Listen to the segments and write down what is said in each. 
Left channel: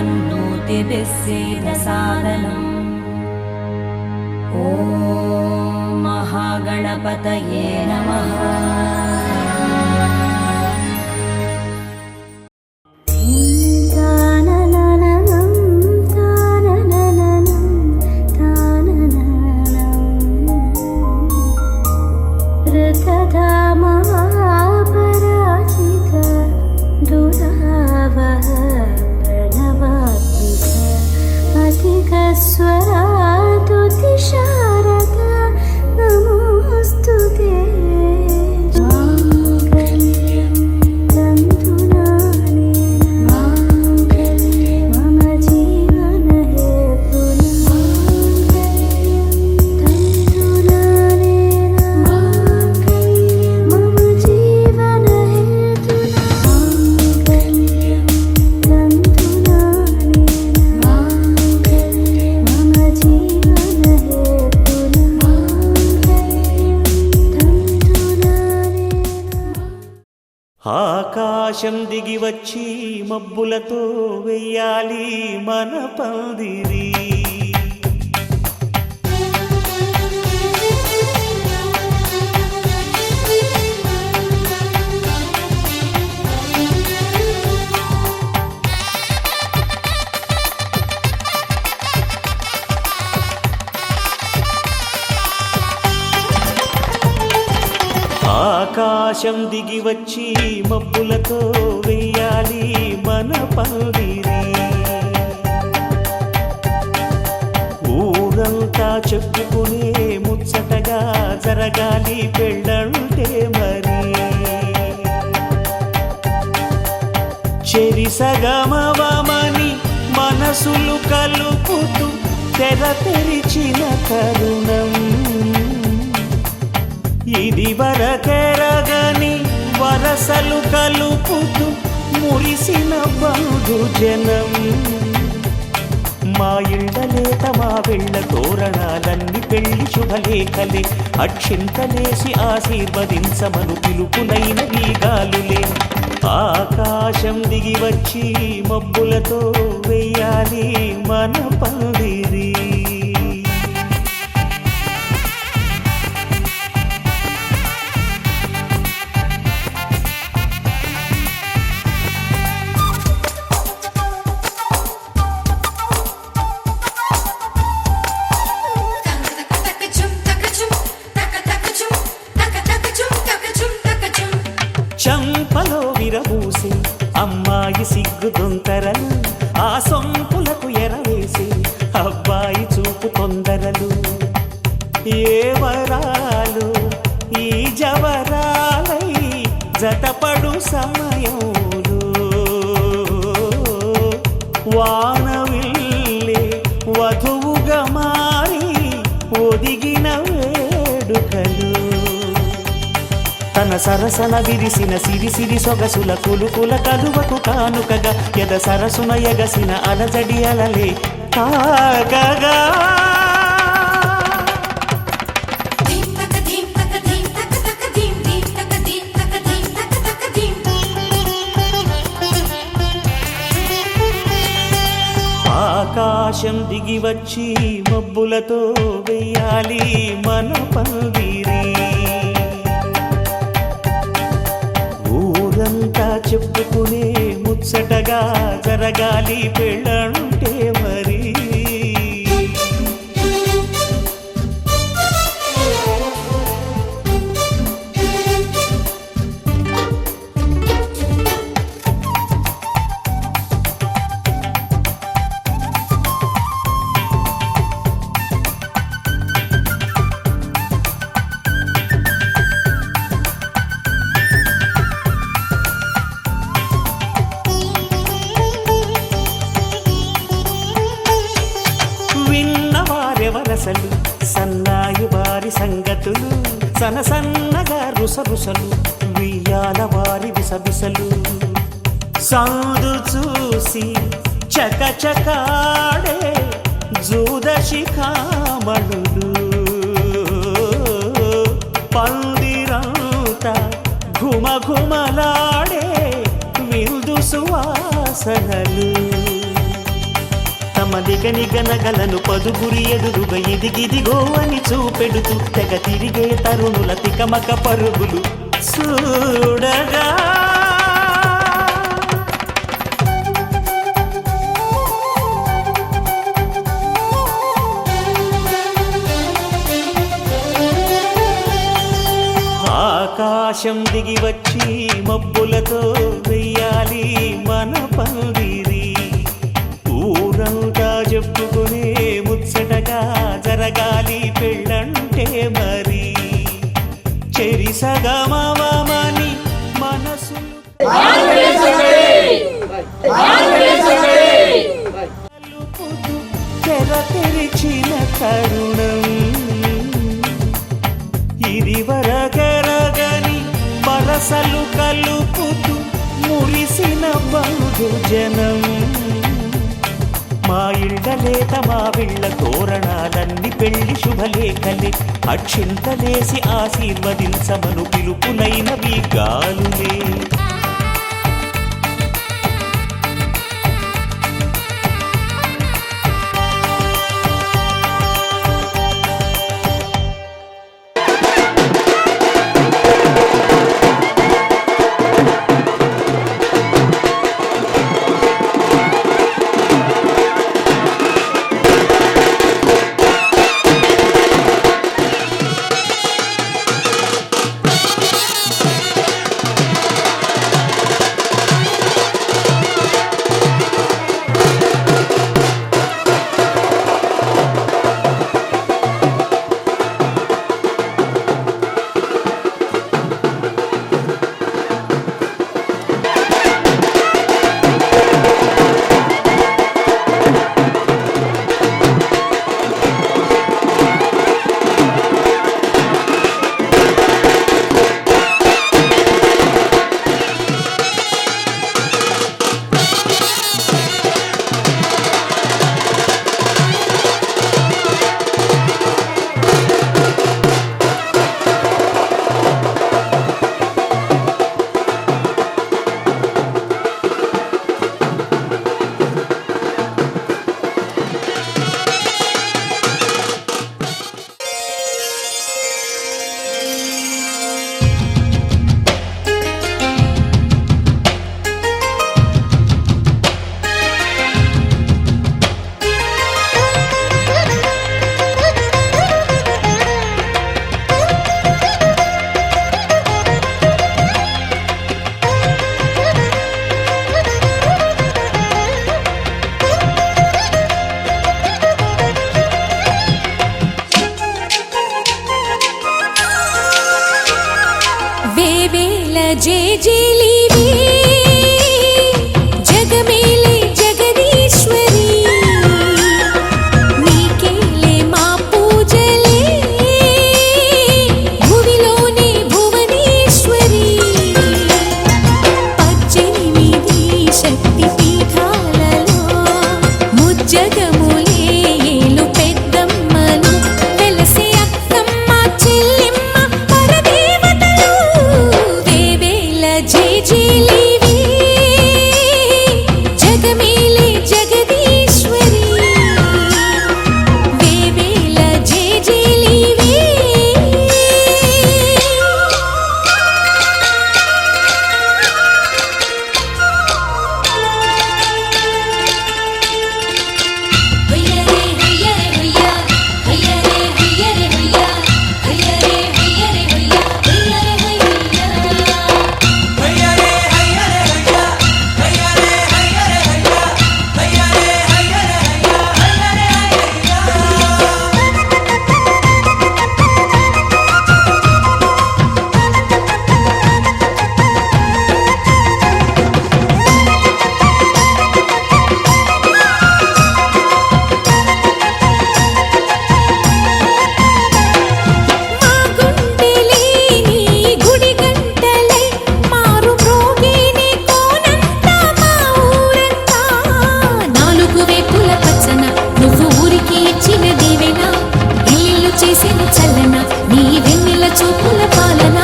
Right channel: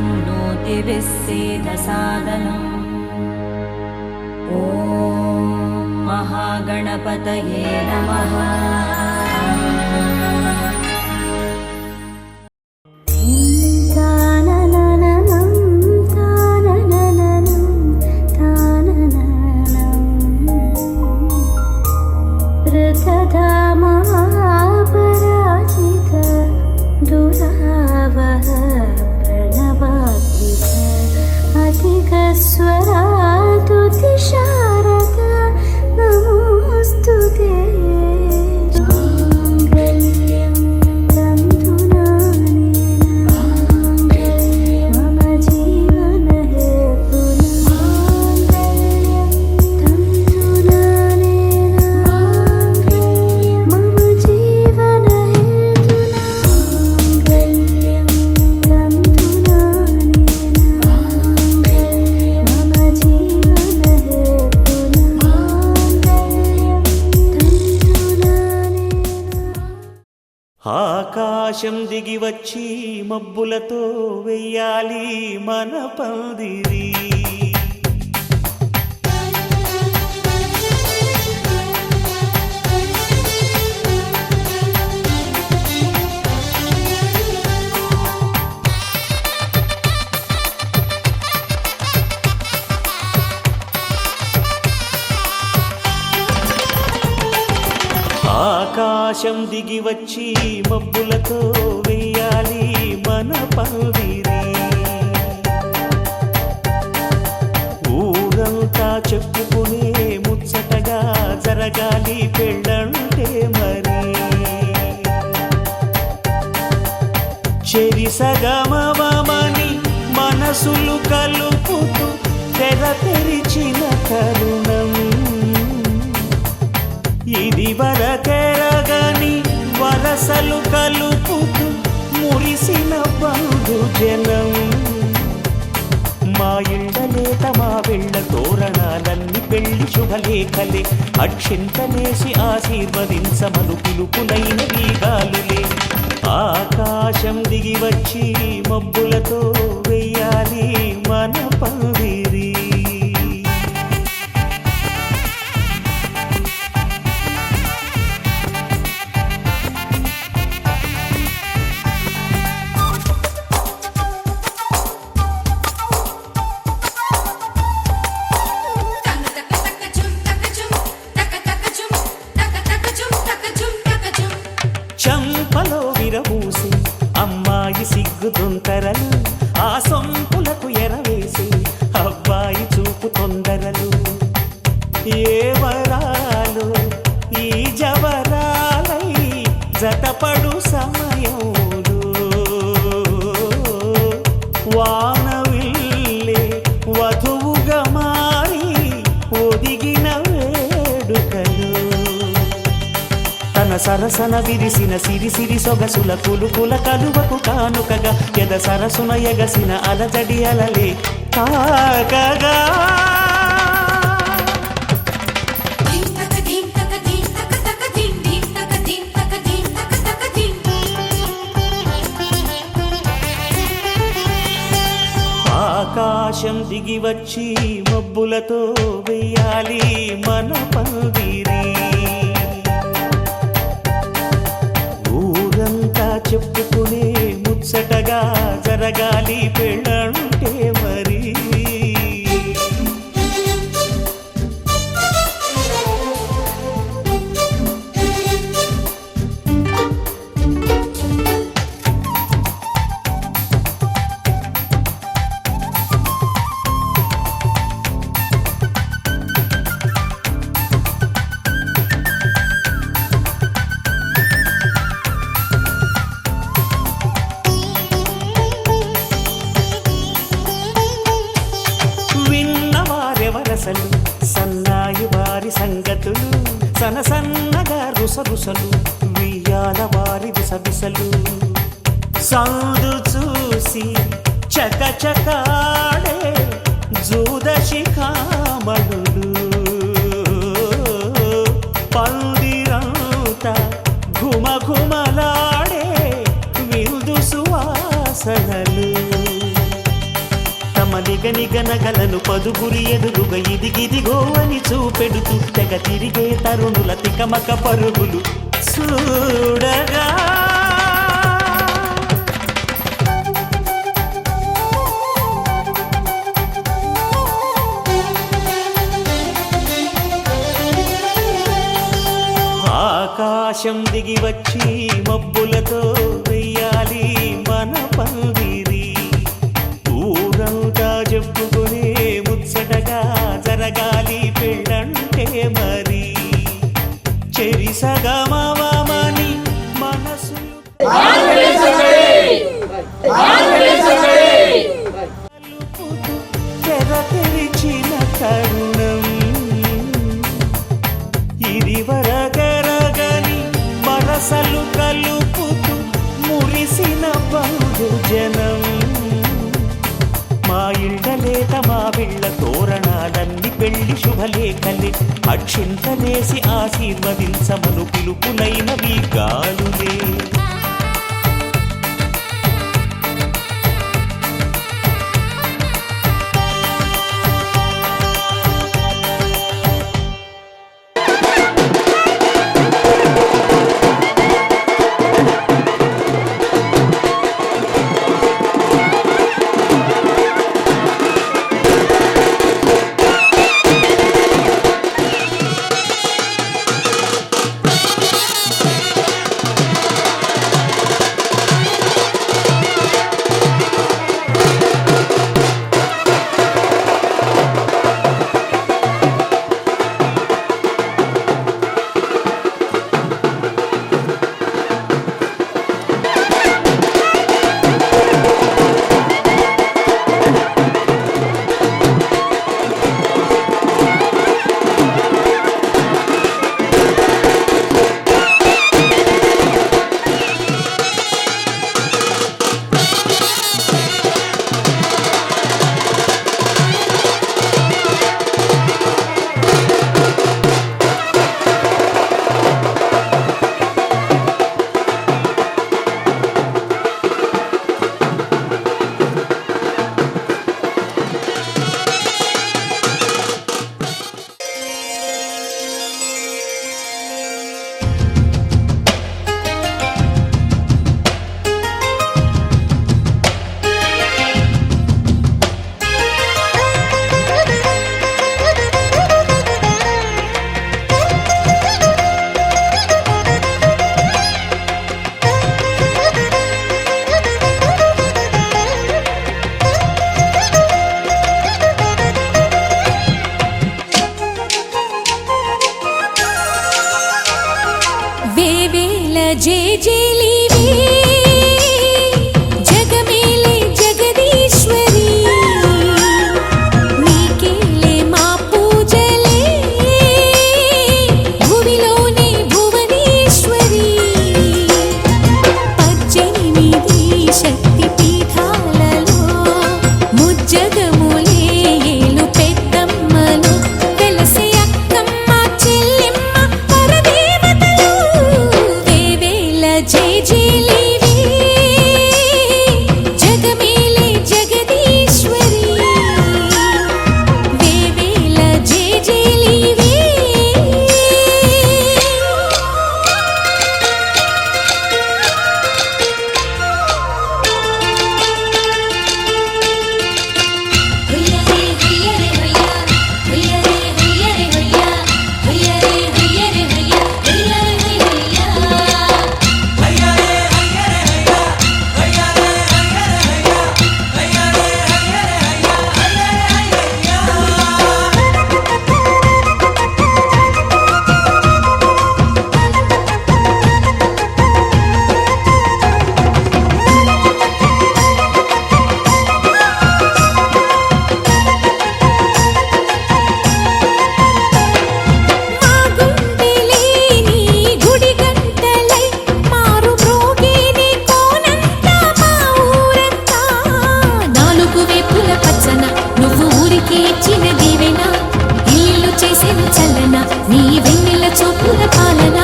तन्नोतिभिस्सीदसादनम् ॐ महागणपतये नमः। ఆకాశం దిగి వచ్చి మబ్బులతో వెయ్యాలి మన పందిరి. ఆకాశం దిగి వచ్చి మబ్బులతో వెయ్యాలి మన పందిరి. ఊరంతా చెప్పుకునే ముచ్చటగా జరగాలి పెళ్ళంటే మరి. చెరిసగమవమని మనసులు కలుపుతూ తెర తెరిచిన తరుణం ఇది వరకెరగని వరసలు కలుపుతూ మురిసిన బంధుజనం. మా ఇళ్ళలేత మా వెళ్ళ తోరణాలన్నీ పెళ్లి శుభలేఖలే. అక్షింతలేసి ఆశీర్వదించమను పిలుపులైన వీగాలులే. ఆకాశం దిగి వచ్చి మబ్బులతో వెయ్యాలి మన పందిరి. చంపలో విరబూసి అమ్మాయి సిగ్గుదొంతరలు, ఆ సొంపులకు ఎరవేసి అబ్బాయి చూపు తొందరలు. ఏ వరాలు ఈ జవరాలై జతపడు సమయంలో వానవిల్లే వధువుగా మారి ఒదిగిన వేడుకలు. తన సరసన విరిసిన సిరిసిరి సొగసుల కులుకుల కలువకు కానుకగా ఎద సరసున ఎగసిన అలజడి అలలే తాకగా. ఆకాశం దిగి వచ్చి మబ్బులతో వెయ్యాలి మన పందిరి. ఊరంతా చెప్పుకునే ముచ్చటగా జరగాలి పెళ్ళంటే మరి. విన్నవారెవరసలు సన్నాయి వారి సంగతులు, సనసన్నగా రుసరుసలు వియ్యాల వారి విసవిసలు. సందు చూసి చకచకాడే జూదశిఖామణులు, పందిరంతా ఘుమఘుమలాడే విందు సువాసనలు. తమ నిగనిగనగలను పదుగురి ఎదురుగా ఇదిగిదిగో అని చూపెడుతూ తెగ తిరిగే తరుణుల తికమక పరుగులు చూడగా ఆకాశం దిగి వచ్చి మబ్బులతో వెయ్యాలి మన పందిరి ఊరంతా చెప్పుకునే ముచ్చటగా జరగాలి పెళ్ళంటే మరి చెరిసగమవమని మనసులు కలుపుతూ తెర తెరిచిన తరుణం ఇదివరగరగని వరసలు కలుపుతూ మురిసిన బంధుజనం మా ఇళ్ళలేత మా విళ్ళ తోరణాలన్నీ పెళ్లి శుభలేఖలే అక్షింతలేసి ఆశీర్వదించమను పిలుపులైనవి గాలులే జేజేలివే జగమేలే జగదీశ్వరి నీకేలే మా పూజలే భువిలోనే భువనేశ్వరి 18 శక్తి పీఠాలలో ముజ్జగములే ఏలు పెద్దమ్మలు వెలసే అక్కమ్మ చెల్లెమ్మ పరదేవతలు జేజేలివే జగమేలే జగదీశ్వరి వేవేల జేజేలివే నువ్వు ఊరికి ఇచ్చిన దీవెన ఇల్లు చేసేను చల్లన నీ వెన్నెల చూపుల పాలన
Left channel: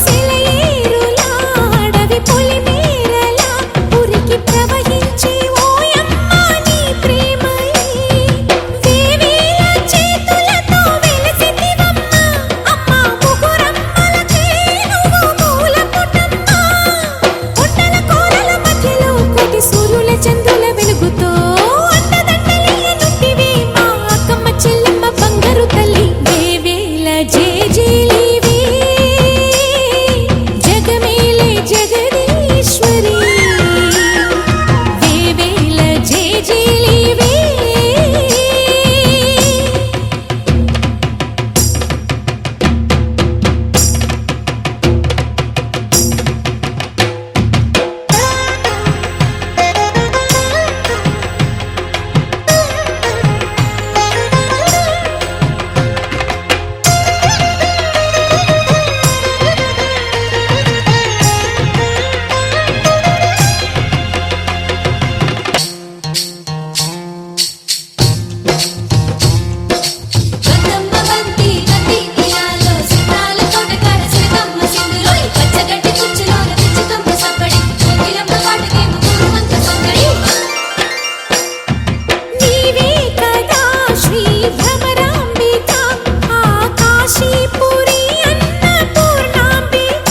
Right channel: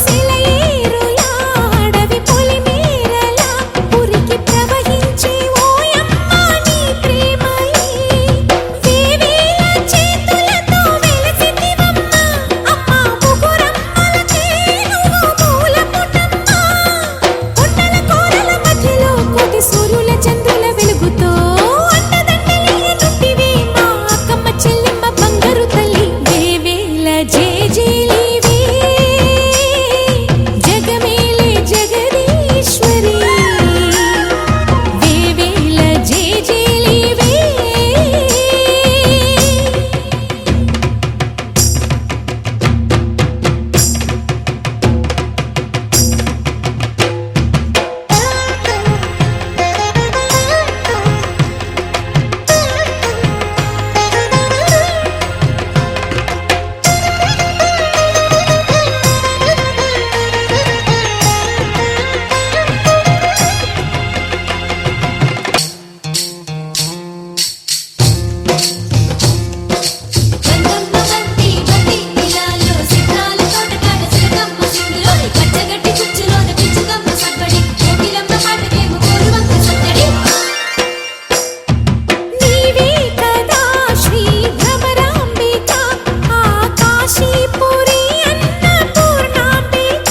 సెలయేరులా అడవి పొలిమేరలా ఉరికి ప్రవహించే ఓయమ్మ నీ ప్రేమ సూర్యుల చంద్రుల వెలుగుతో అండదండలియనుంటివి మా అక్కమ్మ చెల్లెమ్మ బంగారు తల్లి వేవేల జేజేలివే జగమేలే జగదీశ్వరి వేవేల జేజేలివే నీవే కదా శ్రీ భ్రమరాంబిక ఆకాశీపురి అన్నపూర్ణాంబిక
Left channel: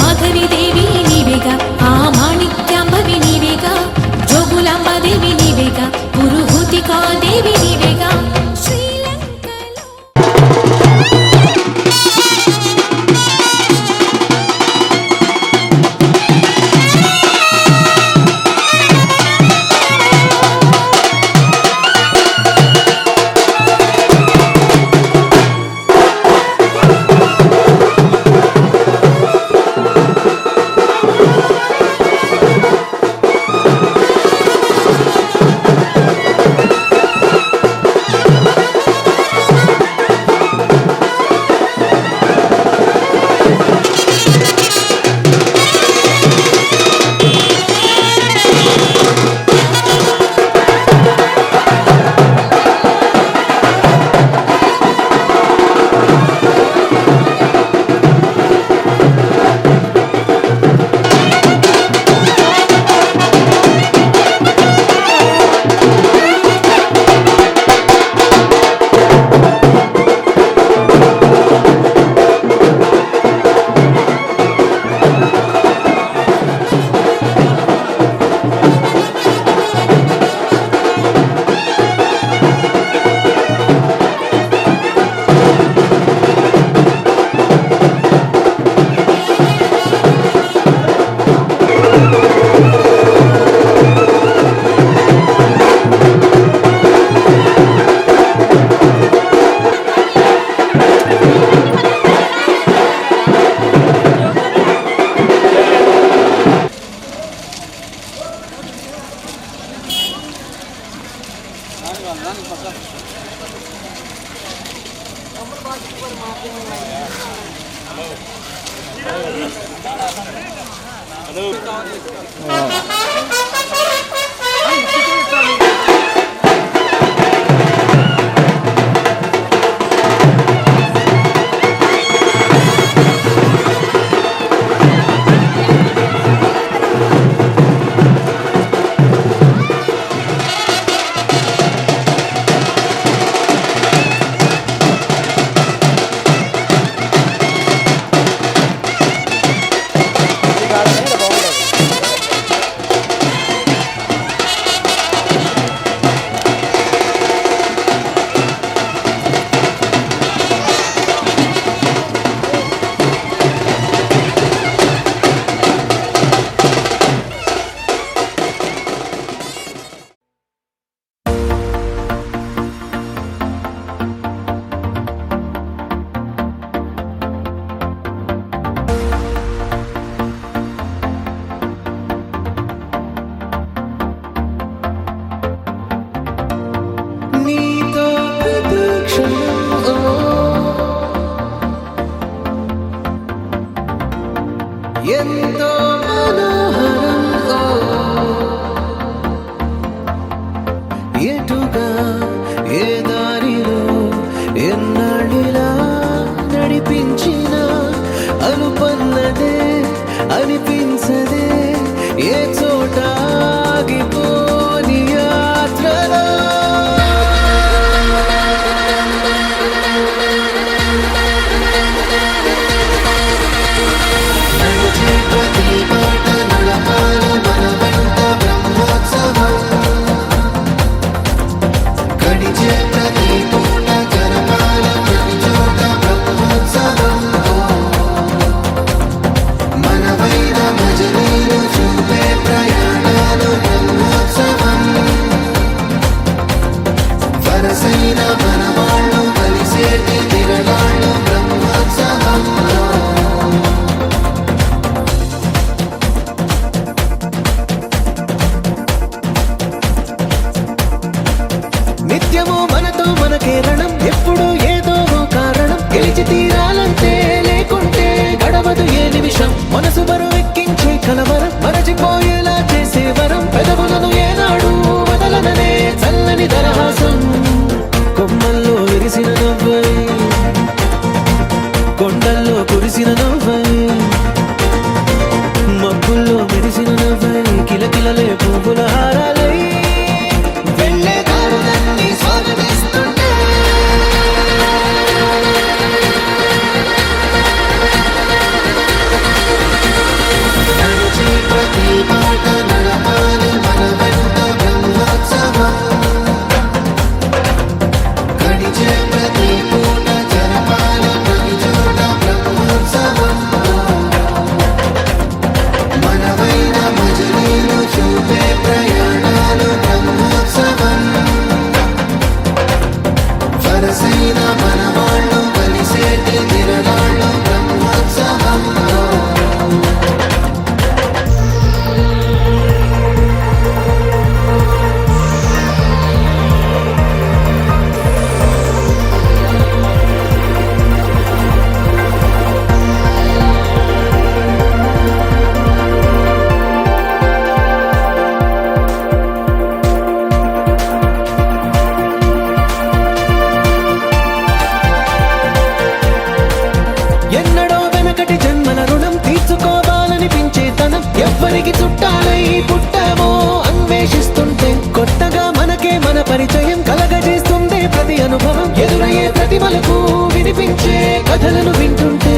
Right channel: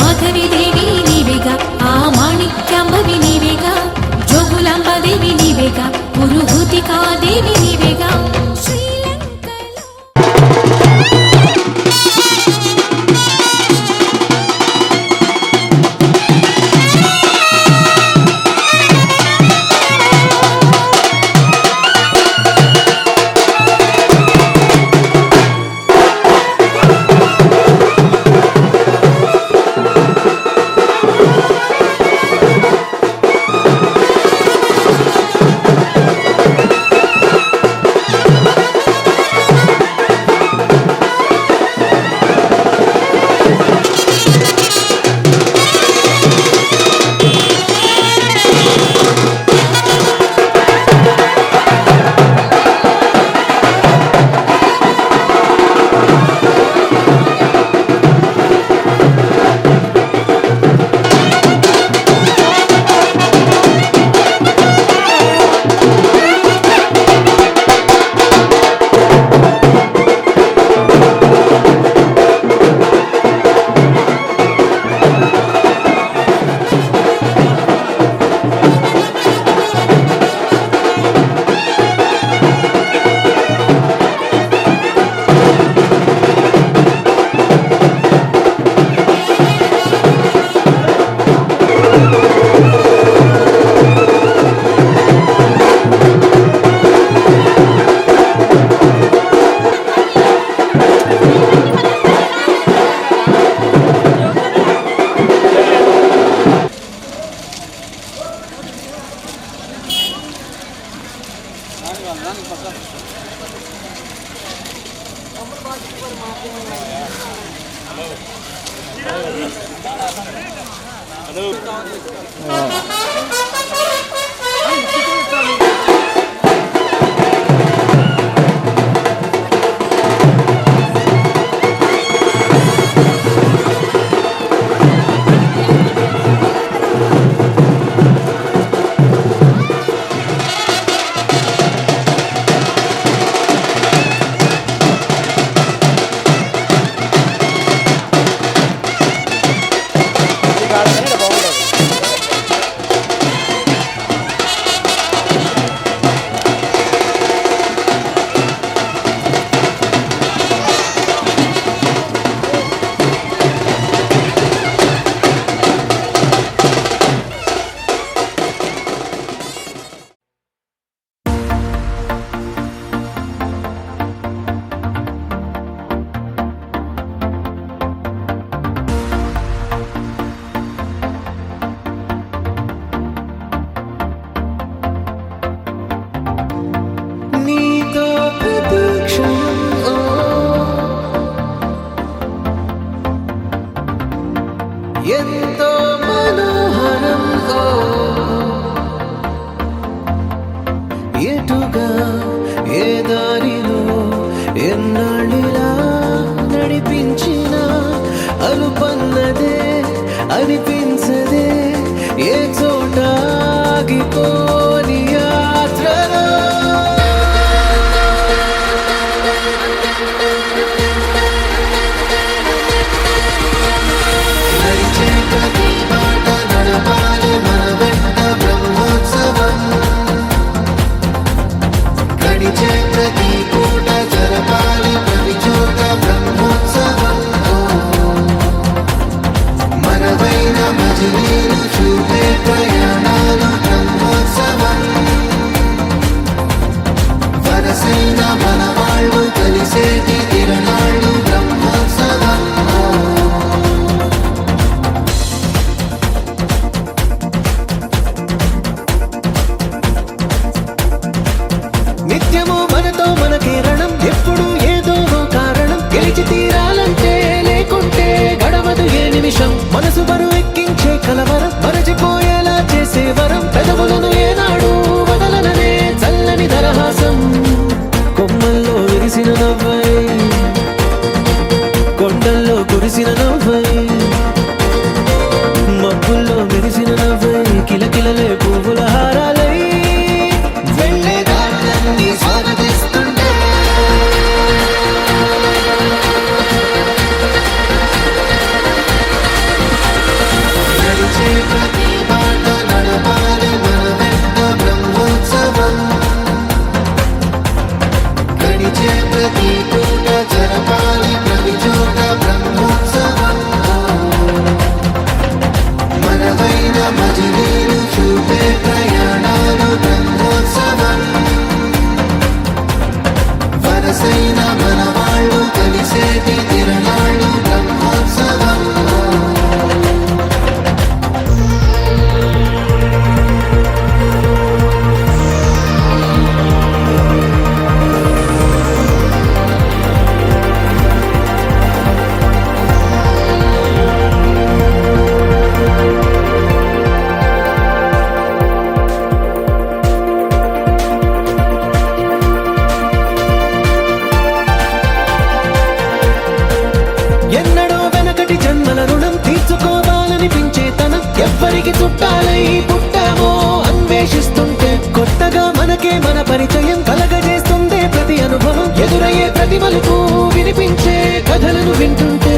మాధవిదేవి నీవేగా ఆ మాణిక్యాంబవి నీవేగా జోగులాంబాదేవి నీవేగా పురుహూతికాదేవి నీవేగా శ్రీలంకలో ఎంతో మనోహరం ఓ ఎటుగా ఏ దారిలో ఎన్నాళ్ళిలా నడిపించిన అలుపన్నదే అనిపించదే ఏ చోట ఆగిపోని యాత్రలో మనతో మనకే రణం, ఎప్పుడు ఏదో ఓ కారణం. గెలిచి తీరాలంటే లేకుంటే గడవదు ఏ నిమిషం. మనసు బరువు ఎక్కించే కలవరం, మరచిపోయేలా చేసే వరం. పెదవులను ఏనాడు వదలననే చల్లని దరహాసం. కొమ్మల్లో విరిసిన నవ్వై, కొండల్లో కురిసిన నవ్వై, మబ్బుల్లో మెరిసిన నవ్వై, కిలకిలలే పువ్వుల హారాలై వెళ్ళే దారులన్నీ స్వాగతిస్తుంటే. నడిచే ప్రతి మాట నడపాలి మన వెంట బ్రహ్మోత్సవం. గడిచే ప్రతి పూట జరపాలి ప్రతి చోట బ్రహ్మోత్సవం. మనవైన భజనీలు చూపే ప్రయాణాలు బ్రహ్మోత్సవం. వరసైన మనవాళ్ళు కలిసేటి తిరణాలు బ్రహ్మోత్సవం. ఎన్నడో వెనకటి జన్మల రుణం తీర్చుకోవాలనిపించే తనం. ఎవ్వరికి చుట్టాలై పుట్టామో అన్వేషిస్తుంటే కొత్తగా మనకే మన పరిచయం కలగజేస్తుందే ప్రతి అనుభవం. ఎదురయ్యే ప్రతి మలుపు వినిపించే కథలను వింటుంటే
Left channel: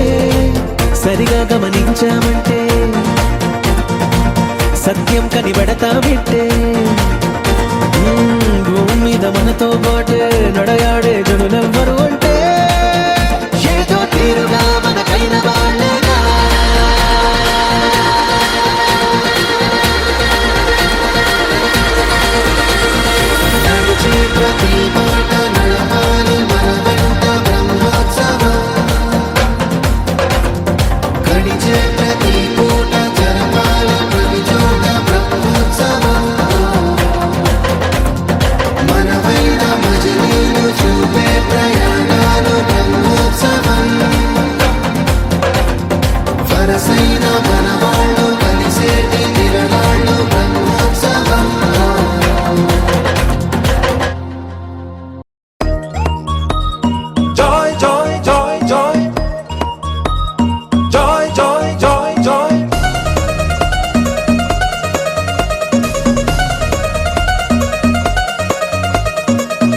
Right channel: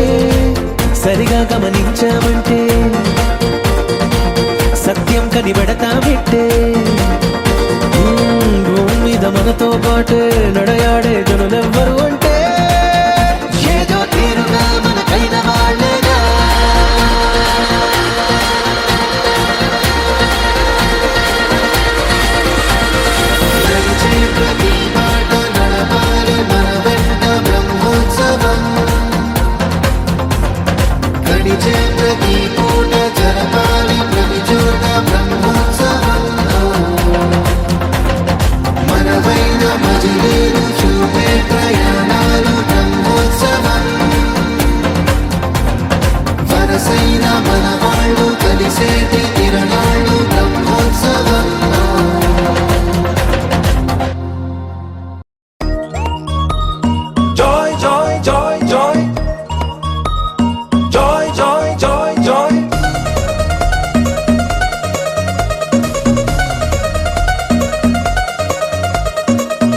సరిగా గమనించామంటే సత్యం కనిపెడతామిట్టే. భూమి మీద మనతో పాటే నడయాడే జనులెవ్వరు అంటే ఏదో తీరుగా మనకైన వాళ్ళేనా. నడిచే ప్రతి మాట నడపాలి మన వెంట బ్రహ్మోత్సవం. గడిచే ప్రతి పూట జరపాలి ప్రతి చోట బ్రహ్మోత్సవం. మనవైన భజనీలు చూపే ప్రయాణాలు బ్రహ్మోత్సవం. వరసైన మనవాళ్ళు కలిసేటి తిరణాలు Brahmotsavam. Joy, joy, joy, joy. Joy, joy, joy, joy.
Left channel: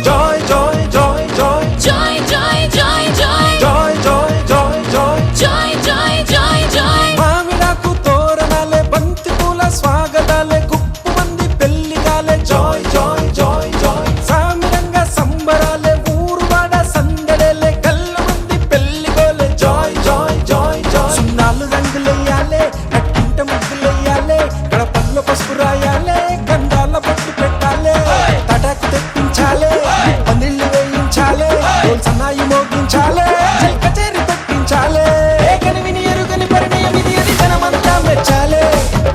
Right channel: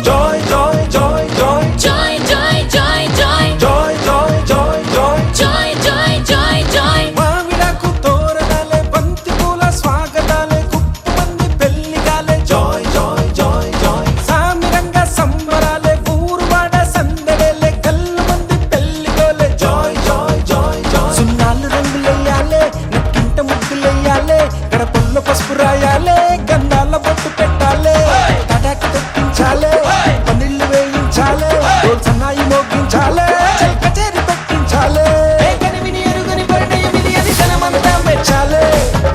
Joy, joy, joy, joy. Joy, joy, joy, joy. Joy, joy, joy, joy. Joy, joy, joy, joy. మామిడాకు తోరణాలే, బంతి పూల స్వాగతాలే, గుప్పుమంది పెళ్లిగాలే. Joy, joy, joy, joy. Saamiranga సంబరాలే, ఊరువాడ సందడేలే, కళ్ళమంది పెళ్లిగోలే. Joy, joy, joy, joy. సున్నాలు రంగులెయ్యాలే, నట్టింట ముగ్గులెయ్యాలే, గడపల్లో పసుపు రాయాలే, గంధాల బొట్టు పెట్టాలే, తడాకు తెప్పించాలే, పందిళ్ళు వేయించాలే, సన్నాయి మోగించాలే, కచేరి పెట్టించాలే. ఏగని విని ఎరుగని పరిణయమిది అది జనమంతా మెచ్చాలే.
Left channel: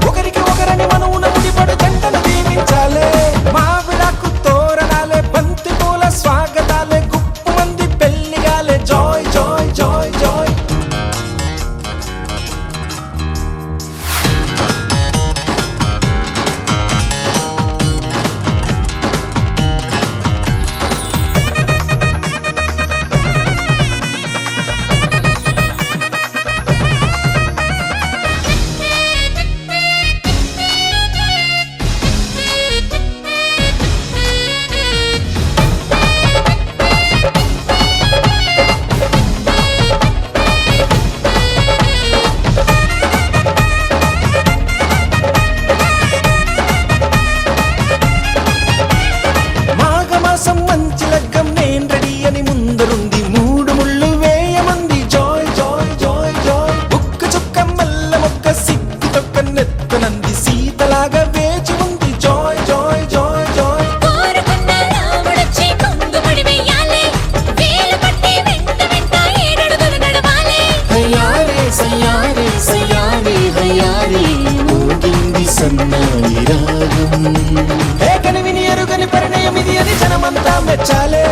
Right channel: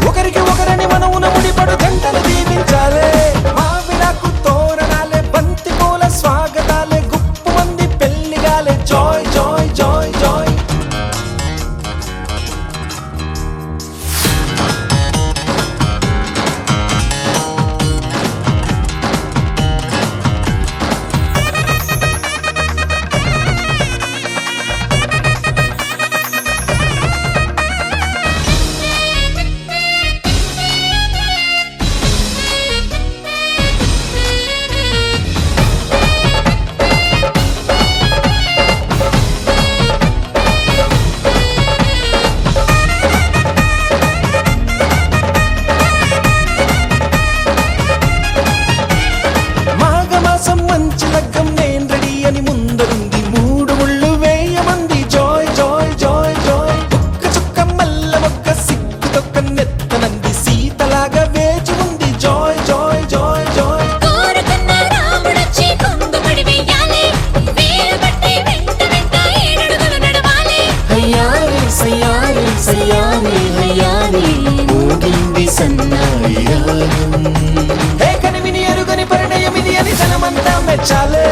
ఒకరికి ఒకరని మనవున ముడిపడు జంటలు దీవించాలే. మామిడాకు తోరణాలే, బంతి పూల స్వాగతాలే, గుప్పుమంది పెళ్లిగాలే. Joy joy joy joy. మాఘమాసం మంచి లగ్గం నేను రెడీ అని ముందరుంది. మూడు ముళ్ళు వేయమంది. Joy joy joy joy. ఒక్క చుక్క మల్ల మొక్క సిగ్గు తొక్క నెత్తనంది. సీతలాగా వేచి ఉంది. Joy joy joy Joy. కోరుకున్న రాముడొచ్చి కొంగు ముడి వెయ్యాలే, వేలు పట్టి వెంట వెంట ఏడడుగులు నడవాలే. హయ్యారే సయ్యారే సయ్యారే హయ్యారే ఊగింది సన్నాయి రాగం. ఏకని విని ఎరుగని పరిణయమిది అది జనమంతా మెచ్చాలే.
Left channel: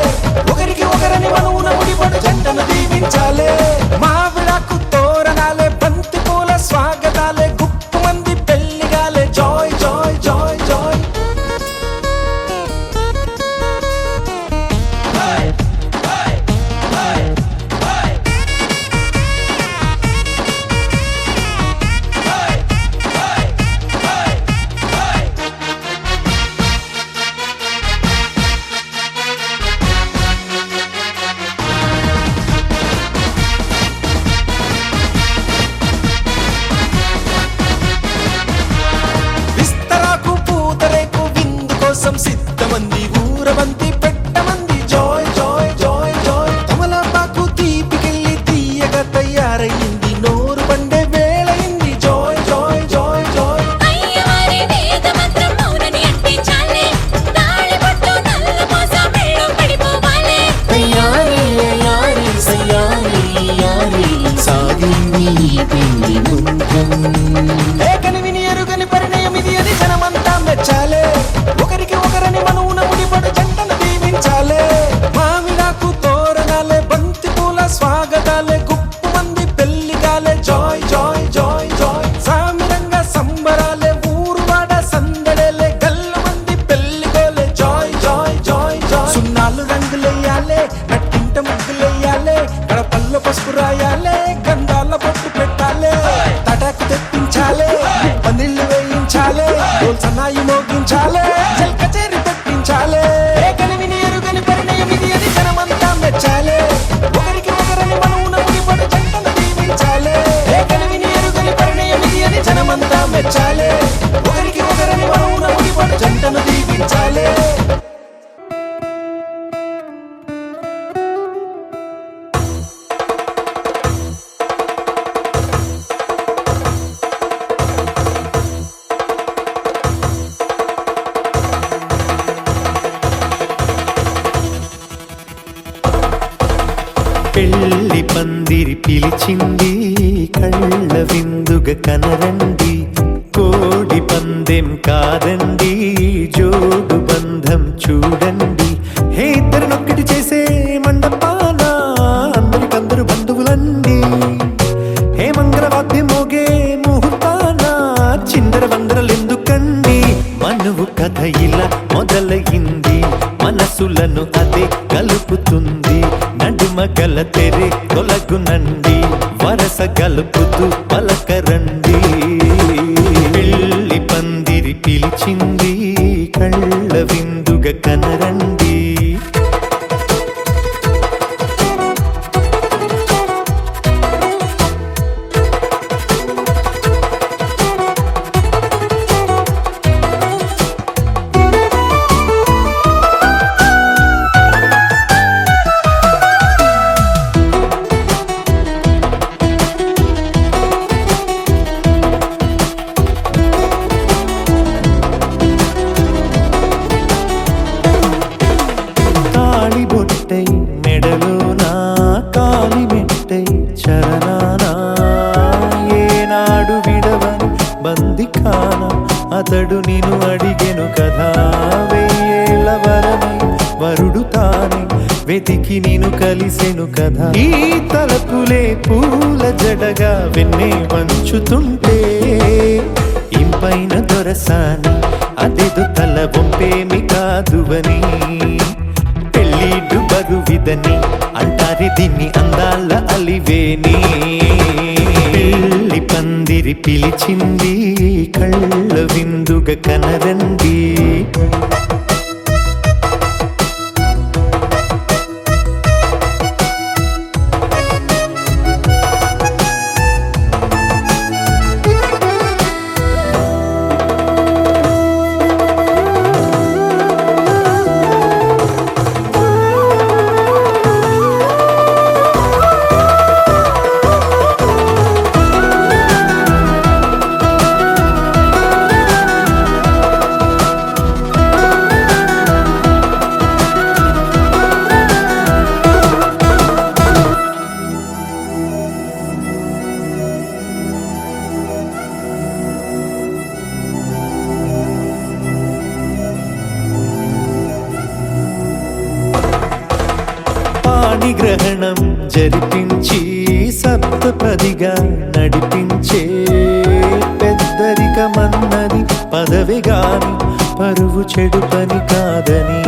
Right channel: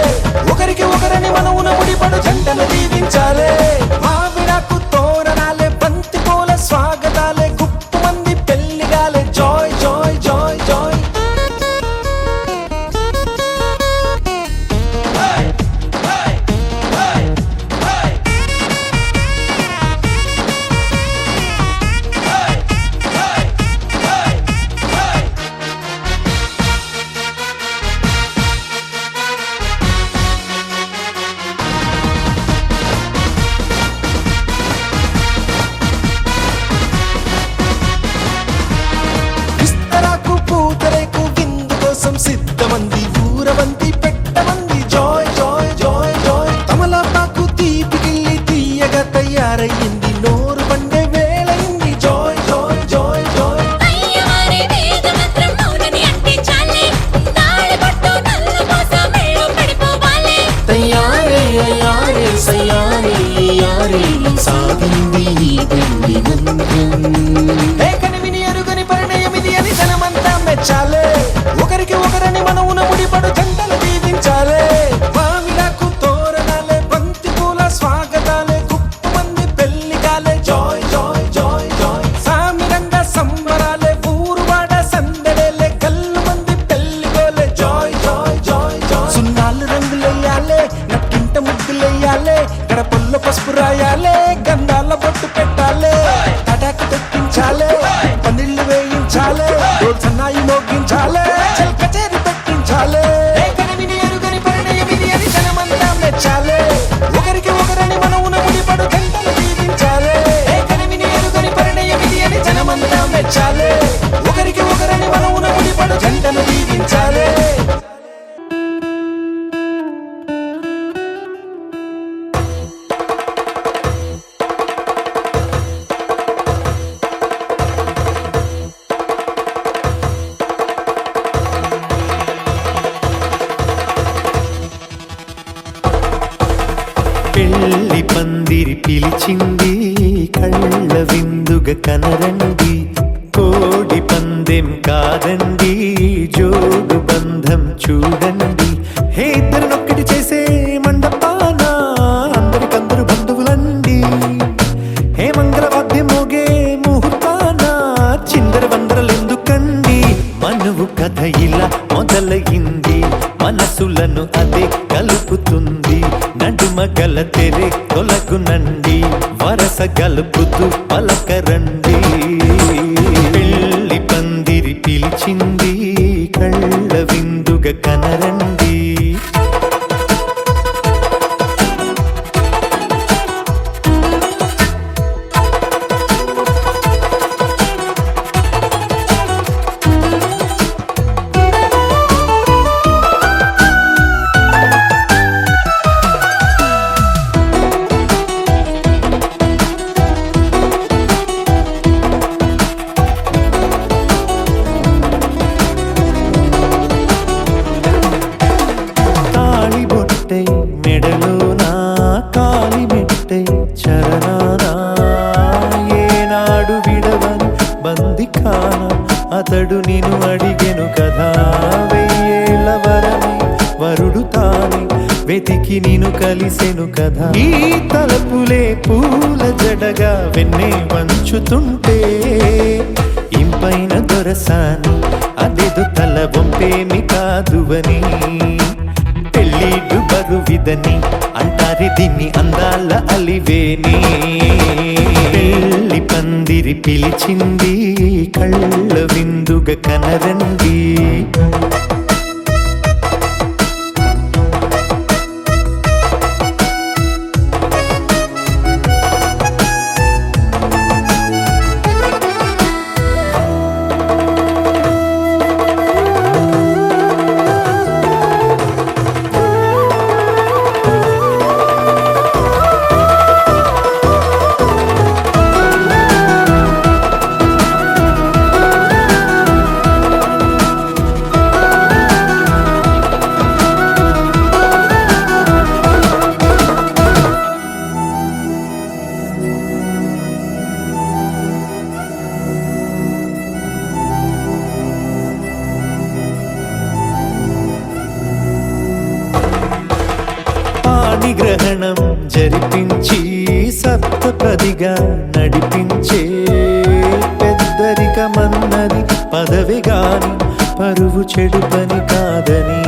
పెళ్లి పందిరి పిలిచింది కళ్ళ విందుగ కనరండి కోడి పందెం కాదండి జోడు బంధం చూడండి హే ఇద్దరినొక్కటి చేసే మండపాన అందరికందరు బంధువులండి హే మంగళవాద్యం మోగే ముహూర్తాన చిందర వందరలెందుకండి మనువు కథ ఇలా మొదలయింది మనసులను అదే కలుపుతుంది నడుమ గల తెరే తొలగునండి వరస గలుపుతూ పలకరండి పెళ్లి పందిరి పిలిచింది కళ్ళ విందుగ కనరండి బొట్టై మెడలోనా కాలి మెట్టై చరణానా ఏనాడు విడవని బందిఖాన అతడు నిన్ను అడిగెను కదా వెయ్యేళ్ళ వరమై వరుడు తానే వెతికి నిన్ను కలిసెను కదా ఈ తలపులే పూల జడగా వెన్నే వంచుతుంటే ఇంపైన దొరసాని అదేదో తల వంపేమి కాదువని పెళ్ళిడు బరువిదని అంటారే దీన్ని అందాల అలివేని పెళ్లి పందిరి పిలిచింది కళ్ళ విందుగ కనరండి గ్రహణం జరిపించి సప్తపదిగా నడిపించే పెద్దరికమన్నది పదవి గాని పరువు చెడు పని కాదని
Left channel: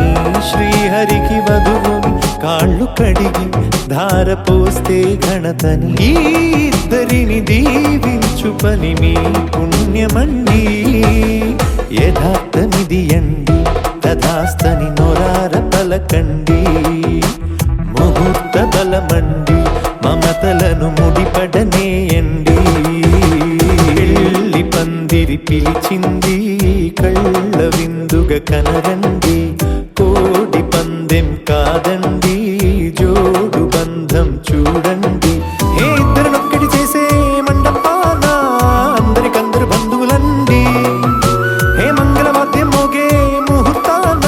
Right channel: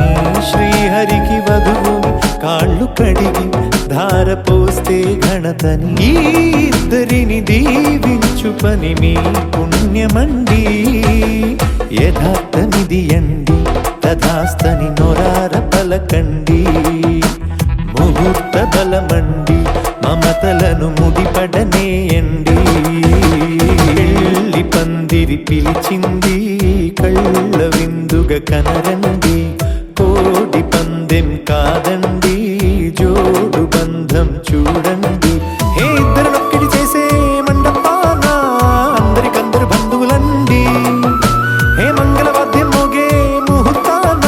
శ్రీహరికి వధువుని కాళ్ళు కడిగి ధార పోస్తే ఘనతని ఈ ఇద్దరిని దీవించు పని మీ పుణ్యమండి యథార్థమిది అండి తథాస్తని నొరార పలకండి ముహూర్త బలమండి మమతలను ముడిపడనేయండి పెళ్లి పందిరి పిలిచింది కళ్ళ విందుగ కనరండి కోడి పందెం కాదండి జోడు బంధం చూడండి హే ఇద్దరినొక్కటి చేసే మండపాన అందరికందరు బంధువులండి హే మంగళవాద్యం మోగే ముహూర్తాన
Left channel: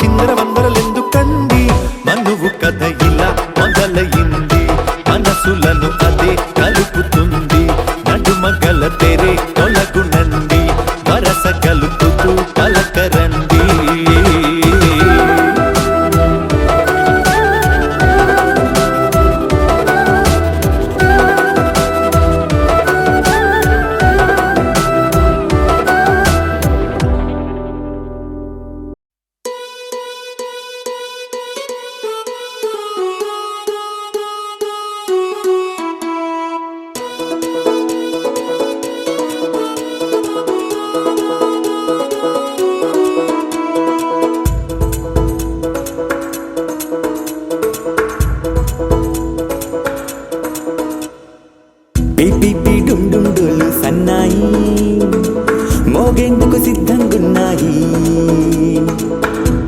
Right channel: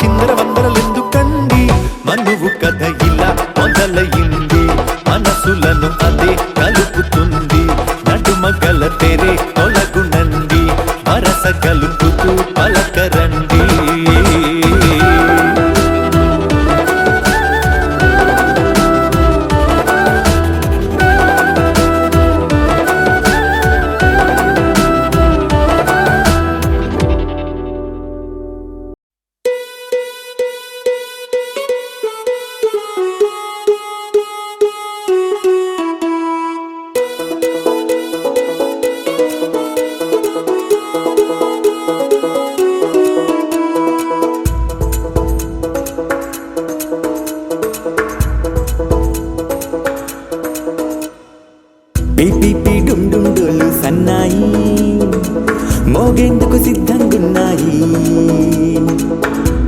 చిందర వందరలెందుకండి మనువు కథ ఇలా మొదలయింది మనసులను అదే కలుపుతుంది నడుమ గల తెరే తొలగునండి వరస కలుపుతూ పలకరండి పిపి డుమ్ డుమ్ డోలు సన్నాయి మోగేందుకు సిద్ధంగున్నాయి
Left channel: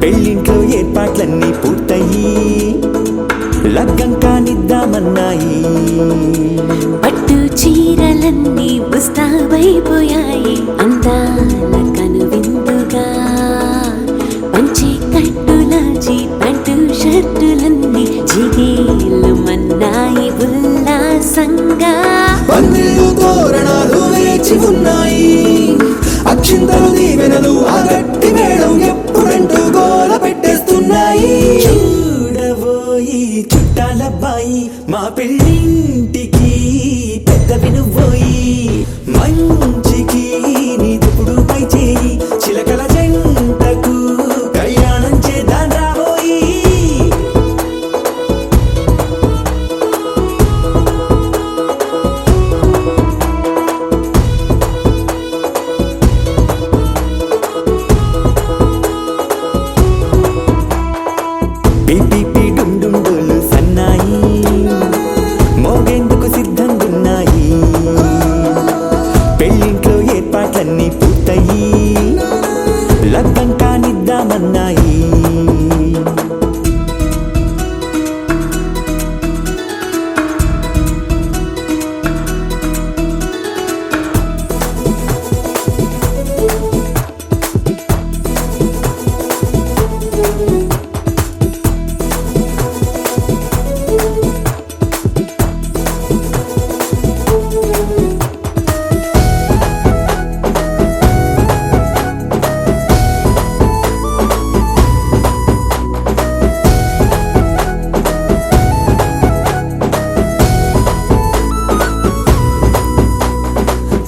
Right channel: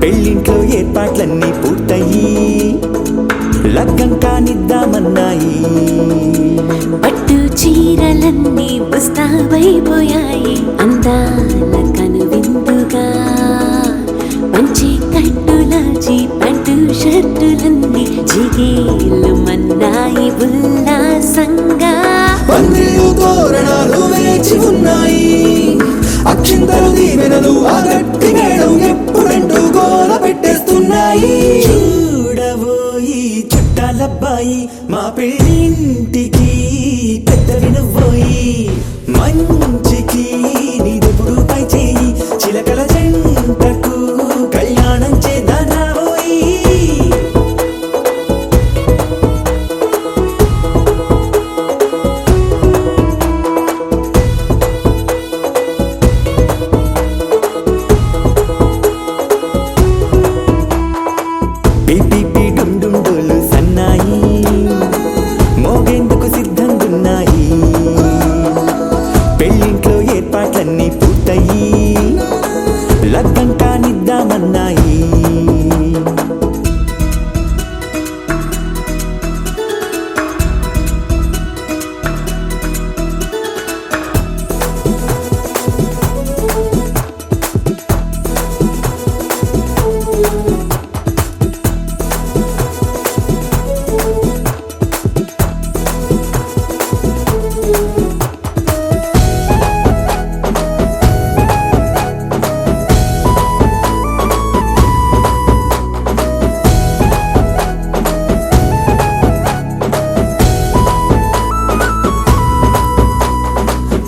పెళ్ళింట్లో ఏర్పాట్లన్నీ పూర్తయి లగ్గం కానిద్దామన్నాయి పట్టు చీరలన్నీ ముస్తాబైపోయాయి అందాల కనువిందుగా పంచి కట్టులాచి పంటు షర్టులన్నీ జిగేలు మన్న లగ్గం కానిద్దామన్నాయి.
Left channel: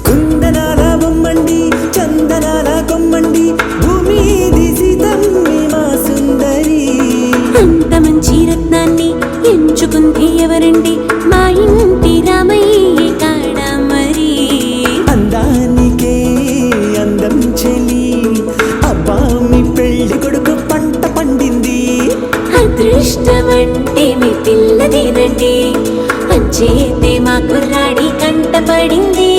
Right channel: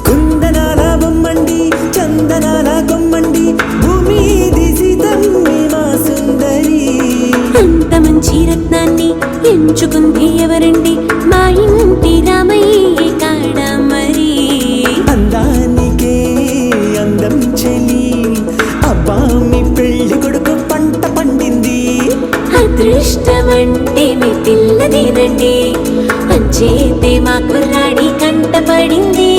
కుందనాల బొమ్మండి చందనాల కొమ్మండి భూమి సీతమ్మి మా సుందరి. అంత మంచి రత్నాన్ని ఎంచుకుంది ఎవరండి? మా ఇంటి రామయ్య కాడ మరి. అందానికే అందం చెలి అబ్బా మీ పెళ్లి కొడుకు పంట పండింది. అదృష్టమంటే మీ పిల్లదేనండి, అంచేతే మా కుర్రాడి కంట పడింది.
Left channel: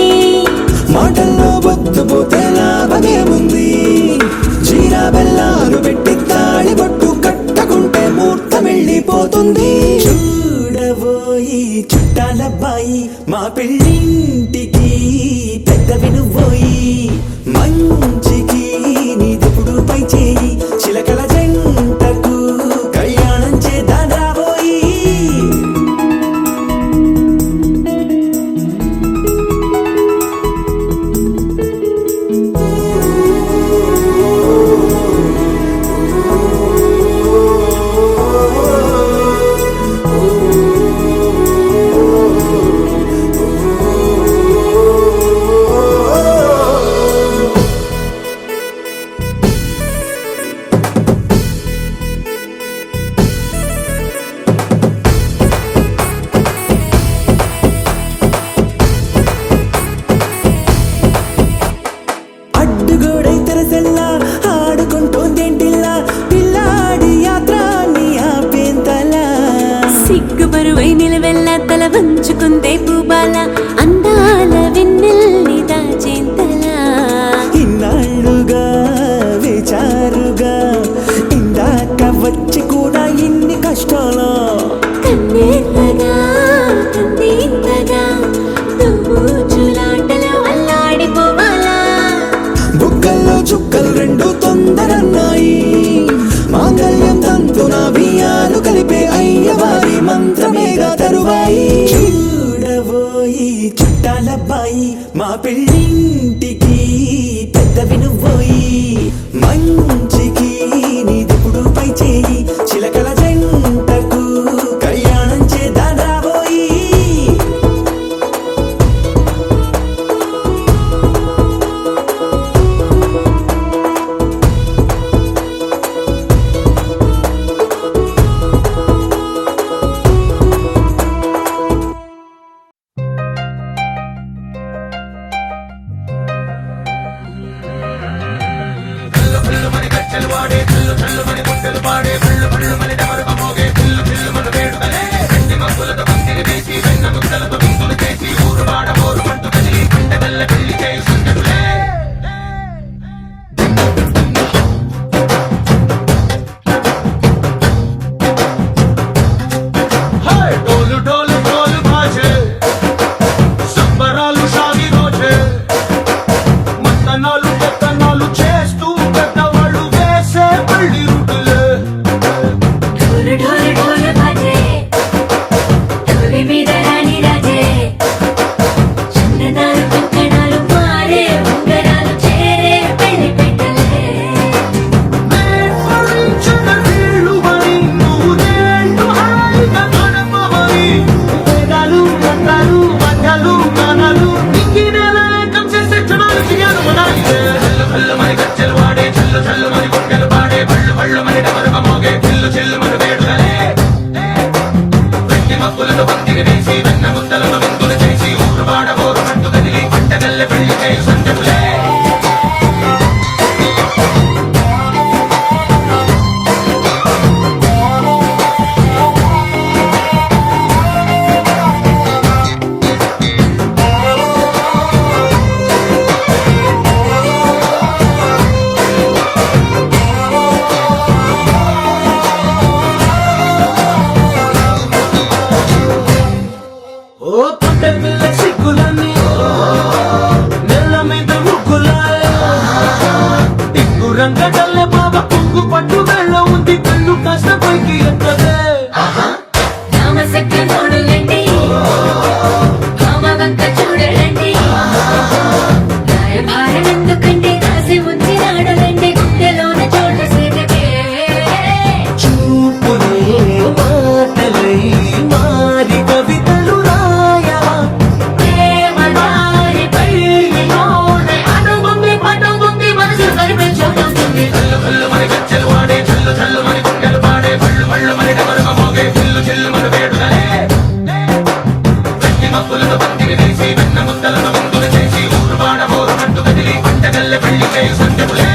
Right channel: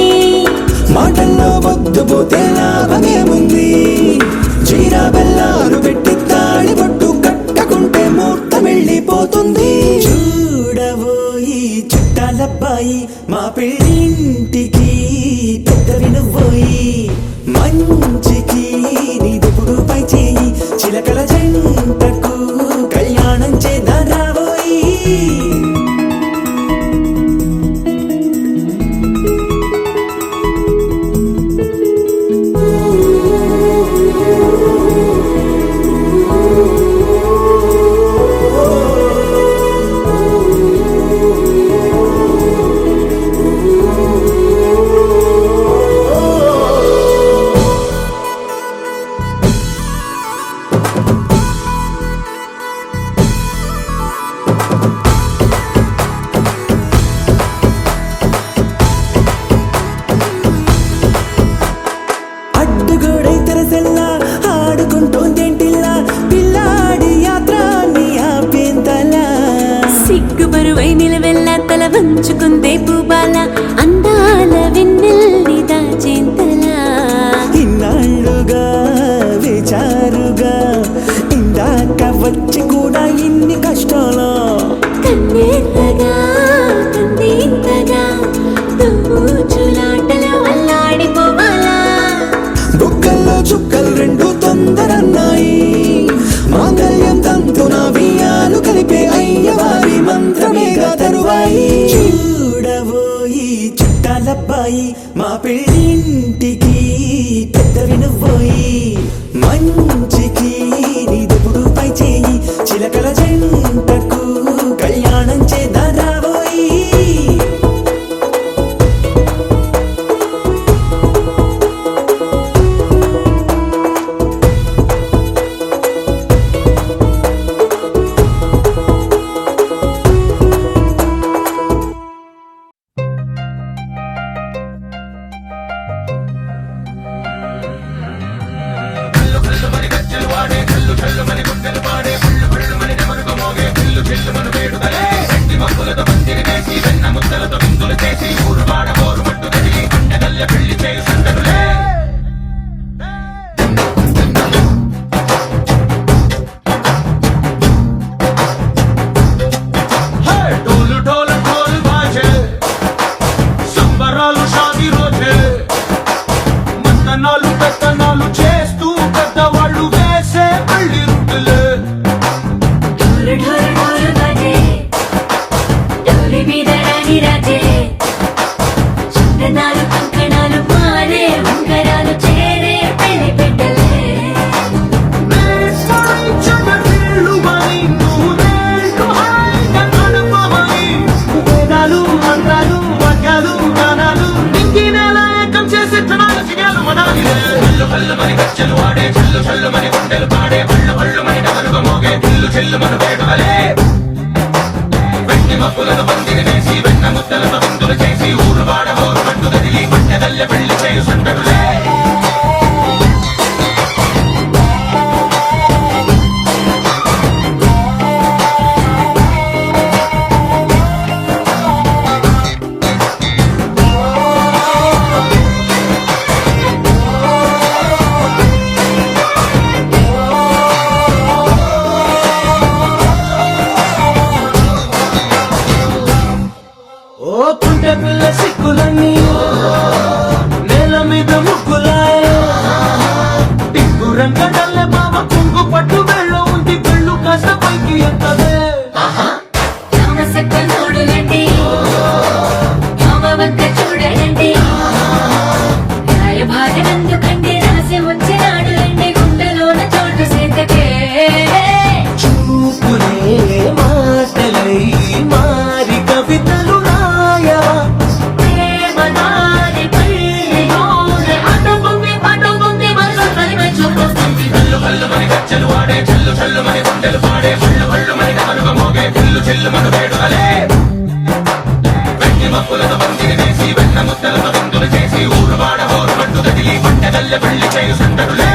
మాటల్లో బొద్దుపోతే లాభమేముంది? జీరా బెల్లాలు పెట్టి తాళి బొట్టు కట్టకుంటే ముహూర్తం వెళ్ళిపోతుంది. చూడబోయి చుట్టాలబ్బాయి మా పెళ్ళింటికి పెద్ద వినుబోయి. మంచికి నీదిప్పుడు పై చేయి చిలకల జంటకు కళ్యాణం చేద్దాం రాబోయి. అడ్డుగోడై తెరసెల్లా ఆడుకుంటోందేంటిల్లా పిల్లాడి యాత్రాన్ని ఆపేంతలా. సిగ్గు బరువై నిలవెల్లా తల వంచుకుందే పూబాల, అందాల వెన్నెల్ని దాచేంతలా. ఇన్నాళ్ళుగా వేచారుగా ఇందాక వచ్చి కూడా ఇన్ని కష్టాలా. కన్నెర్రగా కందింతగా తుమ్ముచులాటలో అల్లాడిపోవాలా. బుక్కల్లో చుక్కలు రెండు తొందరన్నాయి. మాంగళ్యం తంతున బియ్యాలు కలిపే అయ్యవారి మంత్రమేగా తరువాయి. చూడబోయి చుట్టాలబ్బాయి మా పెళ్ళింటికి పెద్ద వినుబోయి. మంచికి నీదిప్పుడు పై చేయి చిలకల జంటకు కళ్యాణం చేద్దాం రాబోయి. డోలు డోలు ఢోలు బాజే సంబరాలు షాది రోజే మంతనాలు పెత్తనాలు చేస్తూ పెద్దవాళ్ళు వేసే పెళ్లి రూటులే. ఢోలు ఢోలు ఢోలు బాజే, ఢోలి మీద రాణి రాజే. చందనాలు కంకణాలు పారే ఉంగరాలు చేరే పెళ్లి పెట్టలే. మేస్మరించిన వీళ్ళువని నూరేళ్ళు హాయిగా గడపమని వేదాలు మంత్రాలు వాక్యాలు గానాలు నింగినేల ఏకం చేసే క్షణాలు చిగాలు మనాలిలే. హల్లు హల్లు మని గజ్జలు వాడే చల్లు చల్లు మని గుండెలు పాడే పళ్ళు పళ్ళు మని డమరుగ మోగే పిల్లు చెల్లు మన వేడుకలే. వెండి మక్కులతో పందిరి వేసి వెన్న ముద్దలతో ముందులు చేసి ఊరు వాడ హోరు మట్టు కదిలి పంటగల్లె పెళ్లి చేయి సందడులే. మామ కొంగు పట్టు వేళ్ళ ఉంది కళ్ళు కాస్త పైకి ఎత్తదే రామసక్క నోడులండి భామ వంక చూడలండి రాయభారం ఎందుకండి రాసి ఉంచినాడులండి గుండెలోన చోటు సేతకే చూపులే మాటలై మారి కవితలు రాయవా ప్రేమ దారి పల్లి నోడు అనుకుంది పట్టుకుంది మనసు కలిపే చూస్తుంది కళ్ళు కళ్ళు మన గచ్చలు వాడే చల్లు చల్లు మన గుండెలు పాడే పళ్ళు పళ్ళు మన డమరుగ మోగే చిల్లు చిల్లు మన వేడుదలే వెన్ని మప్పులతో పందిరి వేసి వెన్న ముద్దలతో విందులు చేసి ఊరువాడ హోరు పట్టు కదిలి పంటగల్లె పెళ్లి చేయు సందడులే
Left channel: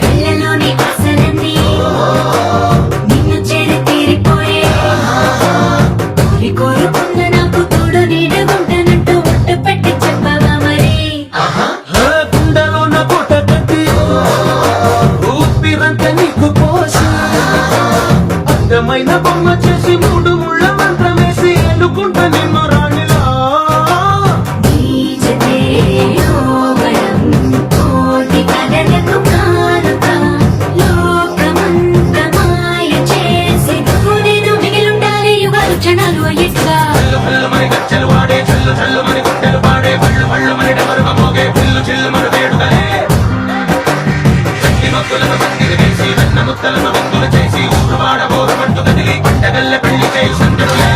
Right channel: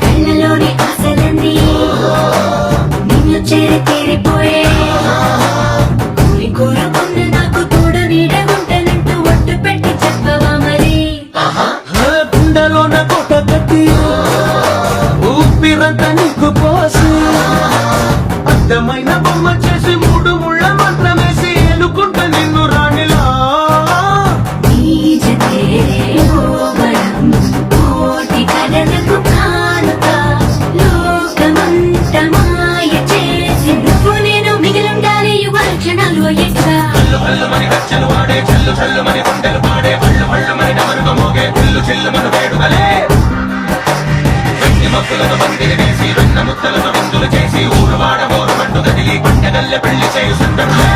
కళ్ళలోని ఆశలన్నీ నిన్ను చేరి తీరిపోయే కోరి కోరుకున్న నాకు తోడు నీడగుంటానంటూ ఒట్టు పెట్టి చెప్పవా మరి గుండెలో నా కోట కట్టి ఊపిరంత నీకు పోసి అర్థమైన బొమ్మ చేసి మూడు ముళ్ళ మంత్రమేసి ఎలుకుంట నిన్ను రాణిలా నీజతే యోగడం కోటి కథలకు కానుక లోకమంత మాయ చేసి నువ్వు నేను మిగిలుండాలి యుగాలు క్షణాలు అయ్యేట్టుగా కళ్ళు కళ్ళు మన గచ్చలు వాడే చల్లు చల్లు మన గుండెలు పాడే పళ్ళు పళ్ళు మన డమరుగ మోగే చిల్లు చిల్లు మన వేడుదలే వెన్ని మప్పులతో పందిరి వేసి వెన్న ముద్దలతో విందులు చేసి ఊరువాడ హోరు పట్టు కదిలి పంటగల్లె పెళ్లి చేయు సందడులే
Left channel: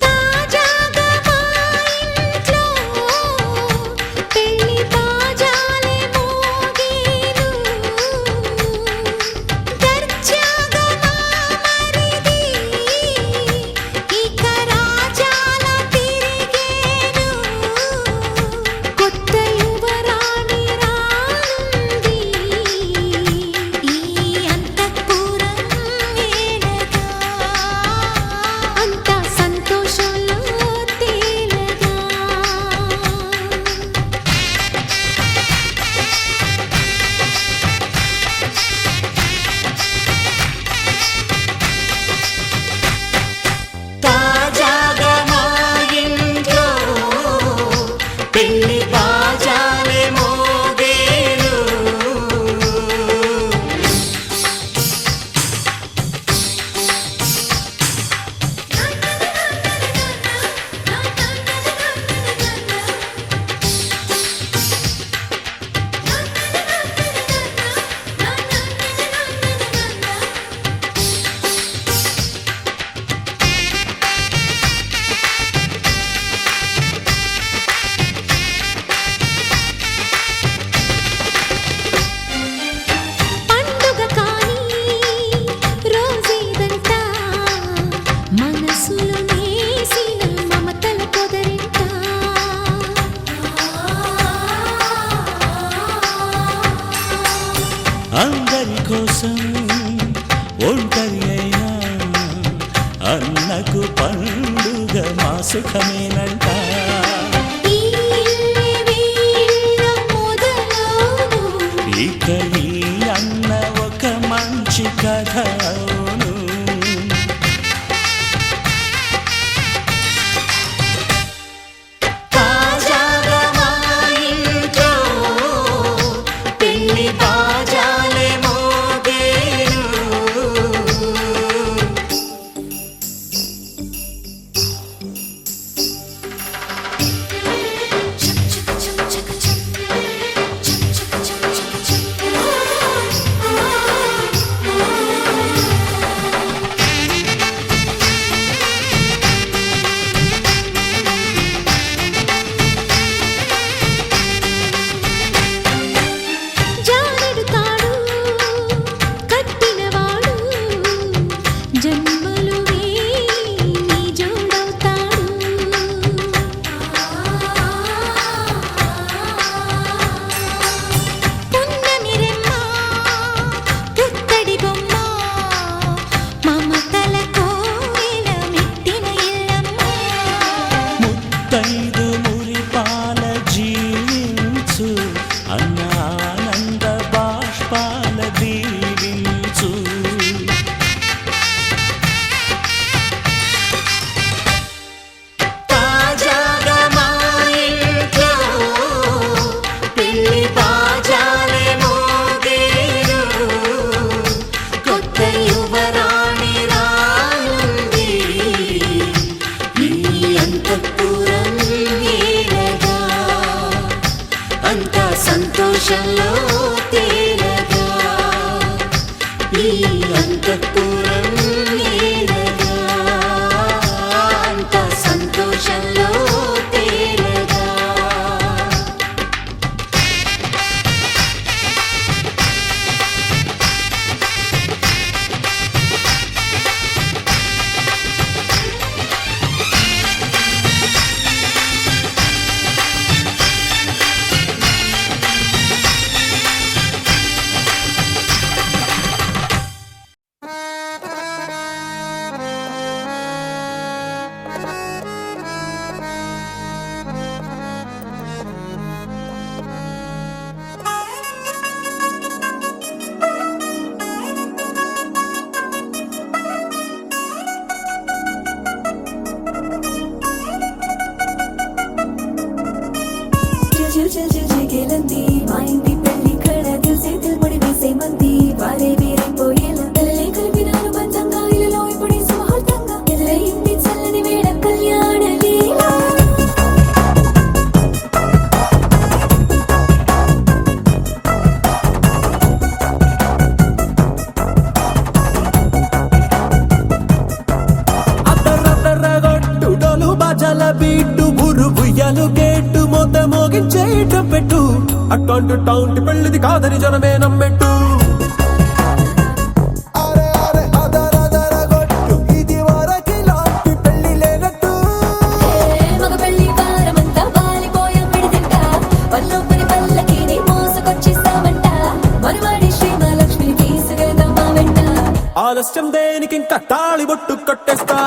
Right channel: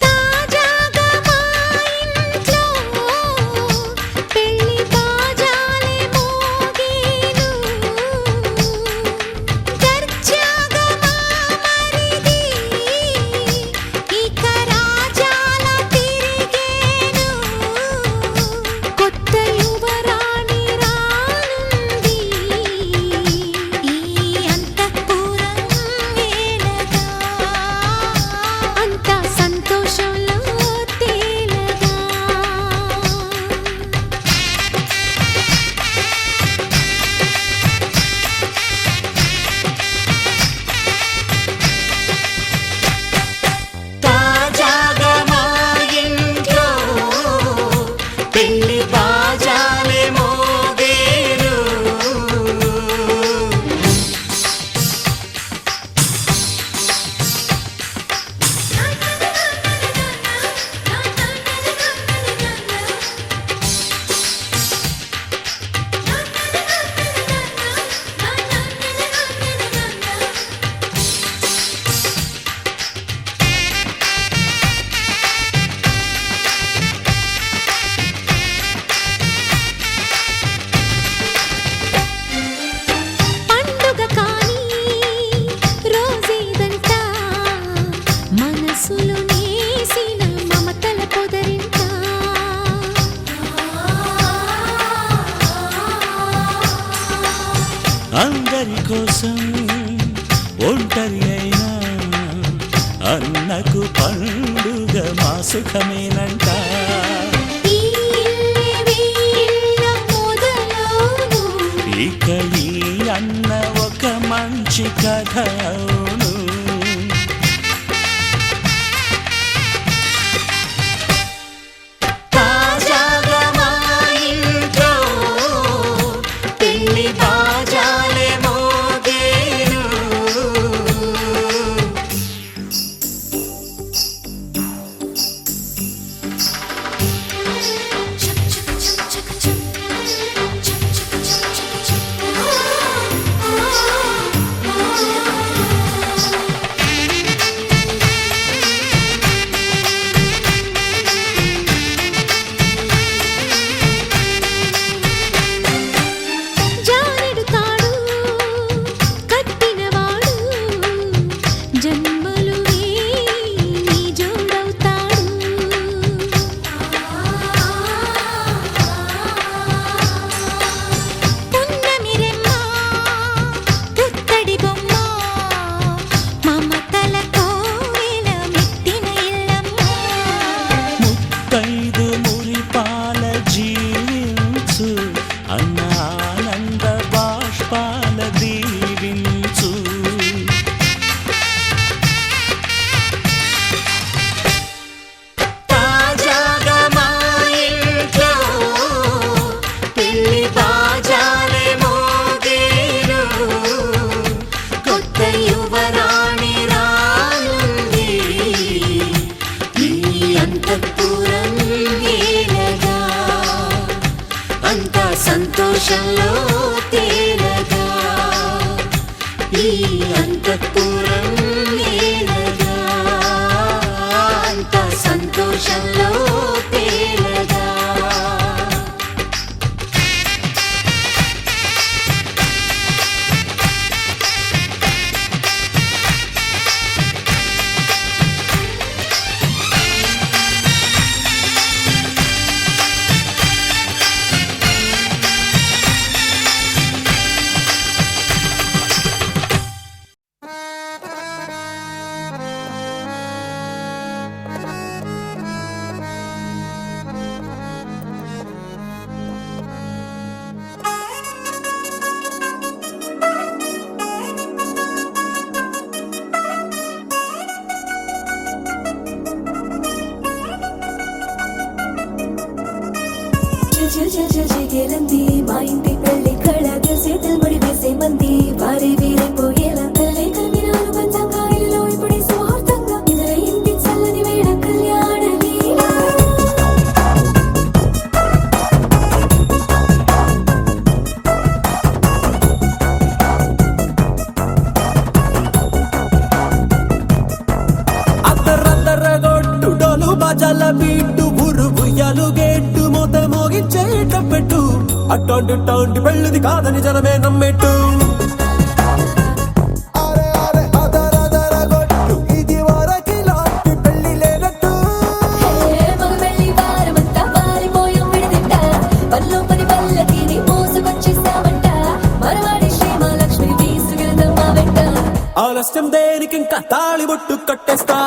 తాజాగా మా ఇంట్లో పెళ్లి బాజాలే మోగేను దర్జాగా మా మరిది ఇక రాజాల తిరిగేను కొత్త యువరాణి రానుంది ఈ అంతఃపురం ఏలగా అంత సంతోషంలో తేలగా తాజాగా మా ఇంట్లో పెళ్లి బాజాలే మోగేను పండుగ కానీ రోజేదంట మనసులో నేసిన మమతల పొదరింట అందరి కోసం ఒంటరి అయినా అన్నకు పండుగ మా సుఖమేనంట ఈ మంచి కథ అవును. తాజాగా మా ఇంట్లో పెళ్లి బాజాలే మోగేను. జానెడు తాడు కట్టినవాడు జన్మలు వేయి జోడవుతాడు. పున్నమిరెమ్మ పుత్తడి బొమ్మ మమతల కోవెల మెట్టిన ఇల్లమ్మ. ముత్తైదు మురిపాల జీవించు అన్న ఆనంద బాష్పాల దీవించు. తాజాగా మా ఇంట్లో పెళ్లి బాజాలే మోగేను. కొత్త యువరాణి రానుంది ఈ అంతఃపురం ఏలగా. అంతా సంతోషంలో తేలగా ఈ అంతఃపురం ఏలగా. అంతా సంతోషంలో తేలగా. చిల్ చిల్ చిల్ చిగిలంది మా ఇంటి పెళ్లి కళ చేతులు ముడి వేసే మంది వారే వీరైపోయేలా తలలే కలిపినారు పంచంగాయలలో ఇప్పుడు సౌహార్దంగా ఎదురైంది చల్లని వేళ కళ్యాణ లీల. అద్దరద్దరగొట్టు డోలు బాజాల బీటు ఊరు ఉయ్యాలు గేట్టు మోత మోగించే పెట్టు అట్టాంటి టాంటి పెళ్ళిది కాదని జనమే నమ్మెట్టు. అరే అరే అదరదరగొట్టు ఇది వరకి లాంటి పెళ్లి లేనట్టు. మగ పెళ్లి వారమంతా వాలిపోయాం విడిదింట పల్లోపరి పల్లకిని మోసుకొచ్చేస్తామంట మరవాడి శ్రీమహాలక్ష్మిని తీసుకెళ్దాం మా వెంట. ఆలస్యం దేనికి ఇంకా తాళి బొట్టు కొట్టేస్తా.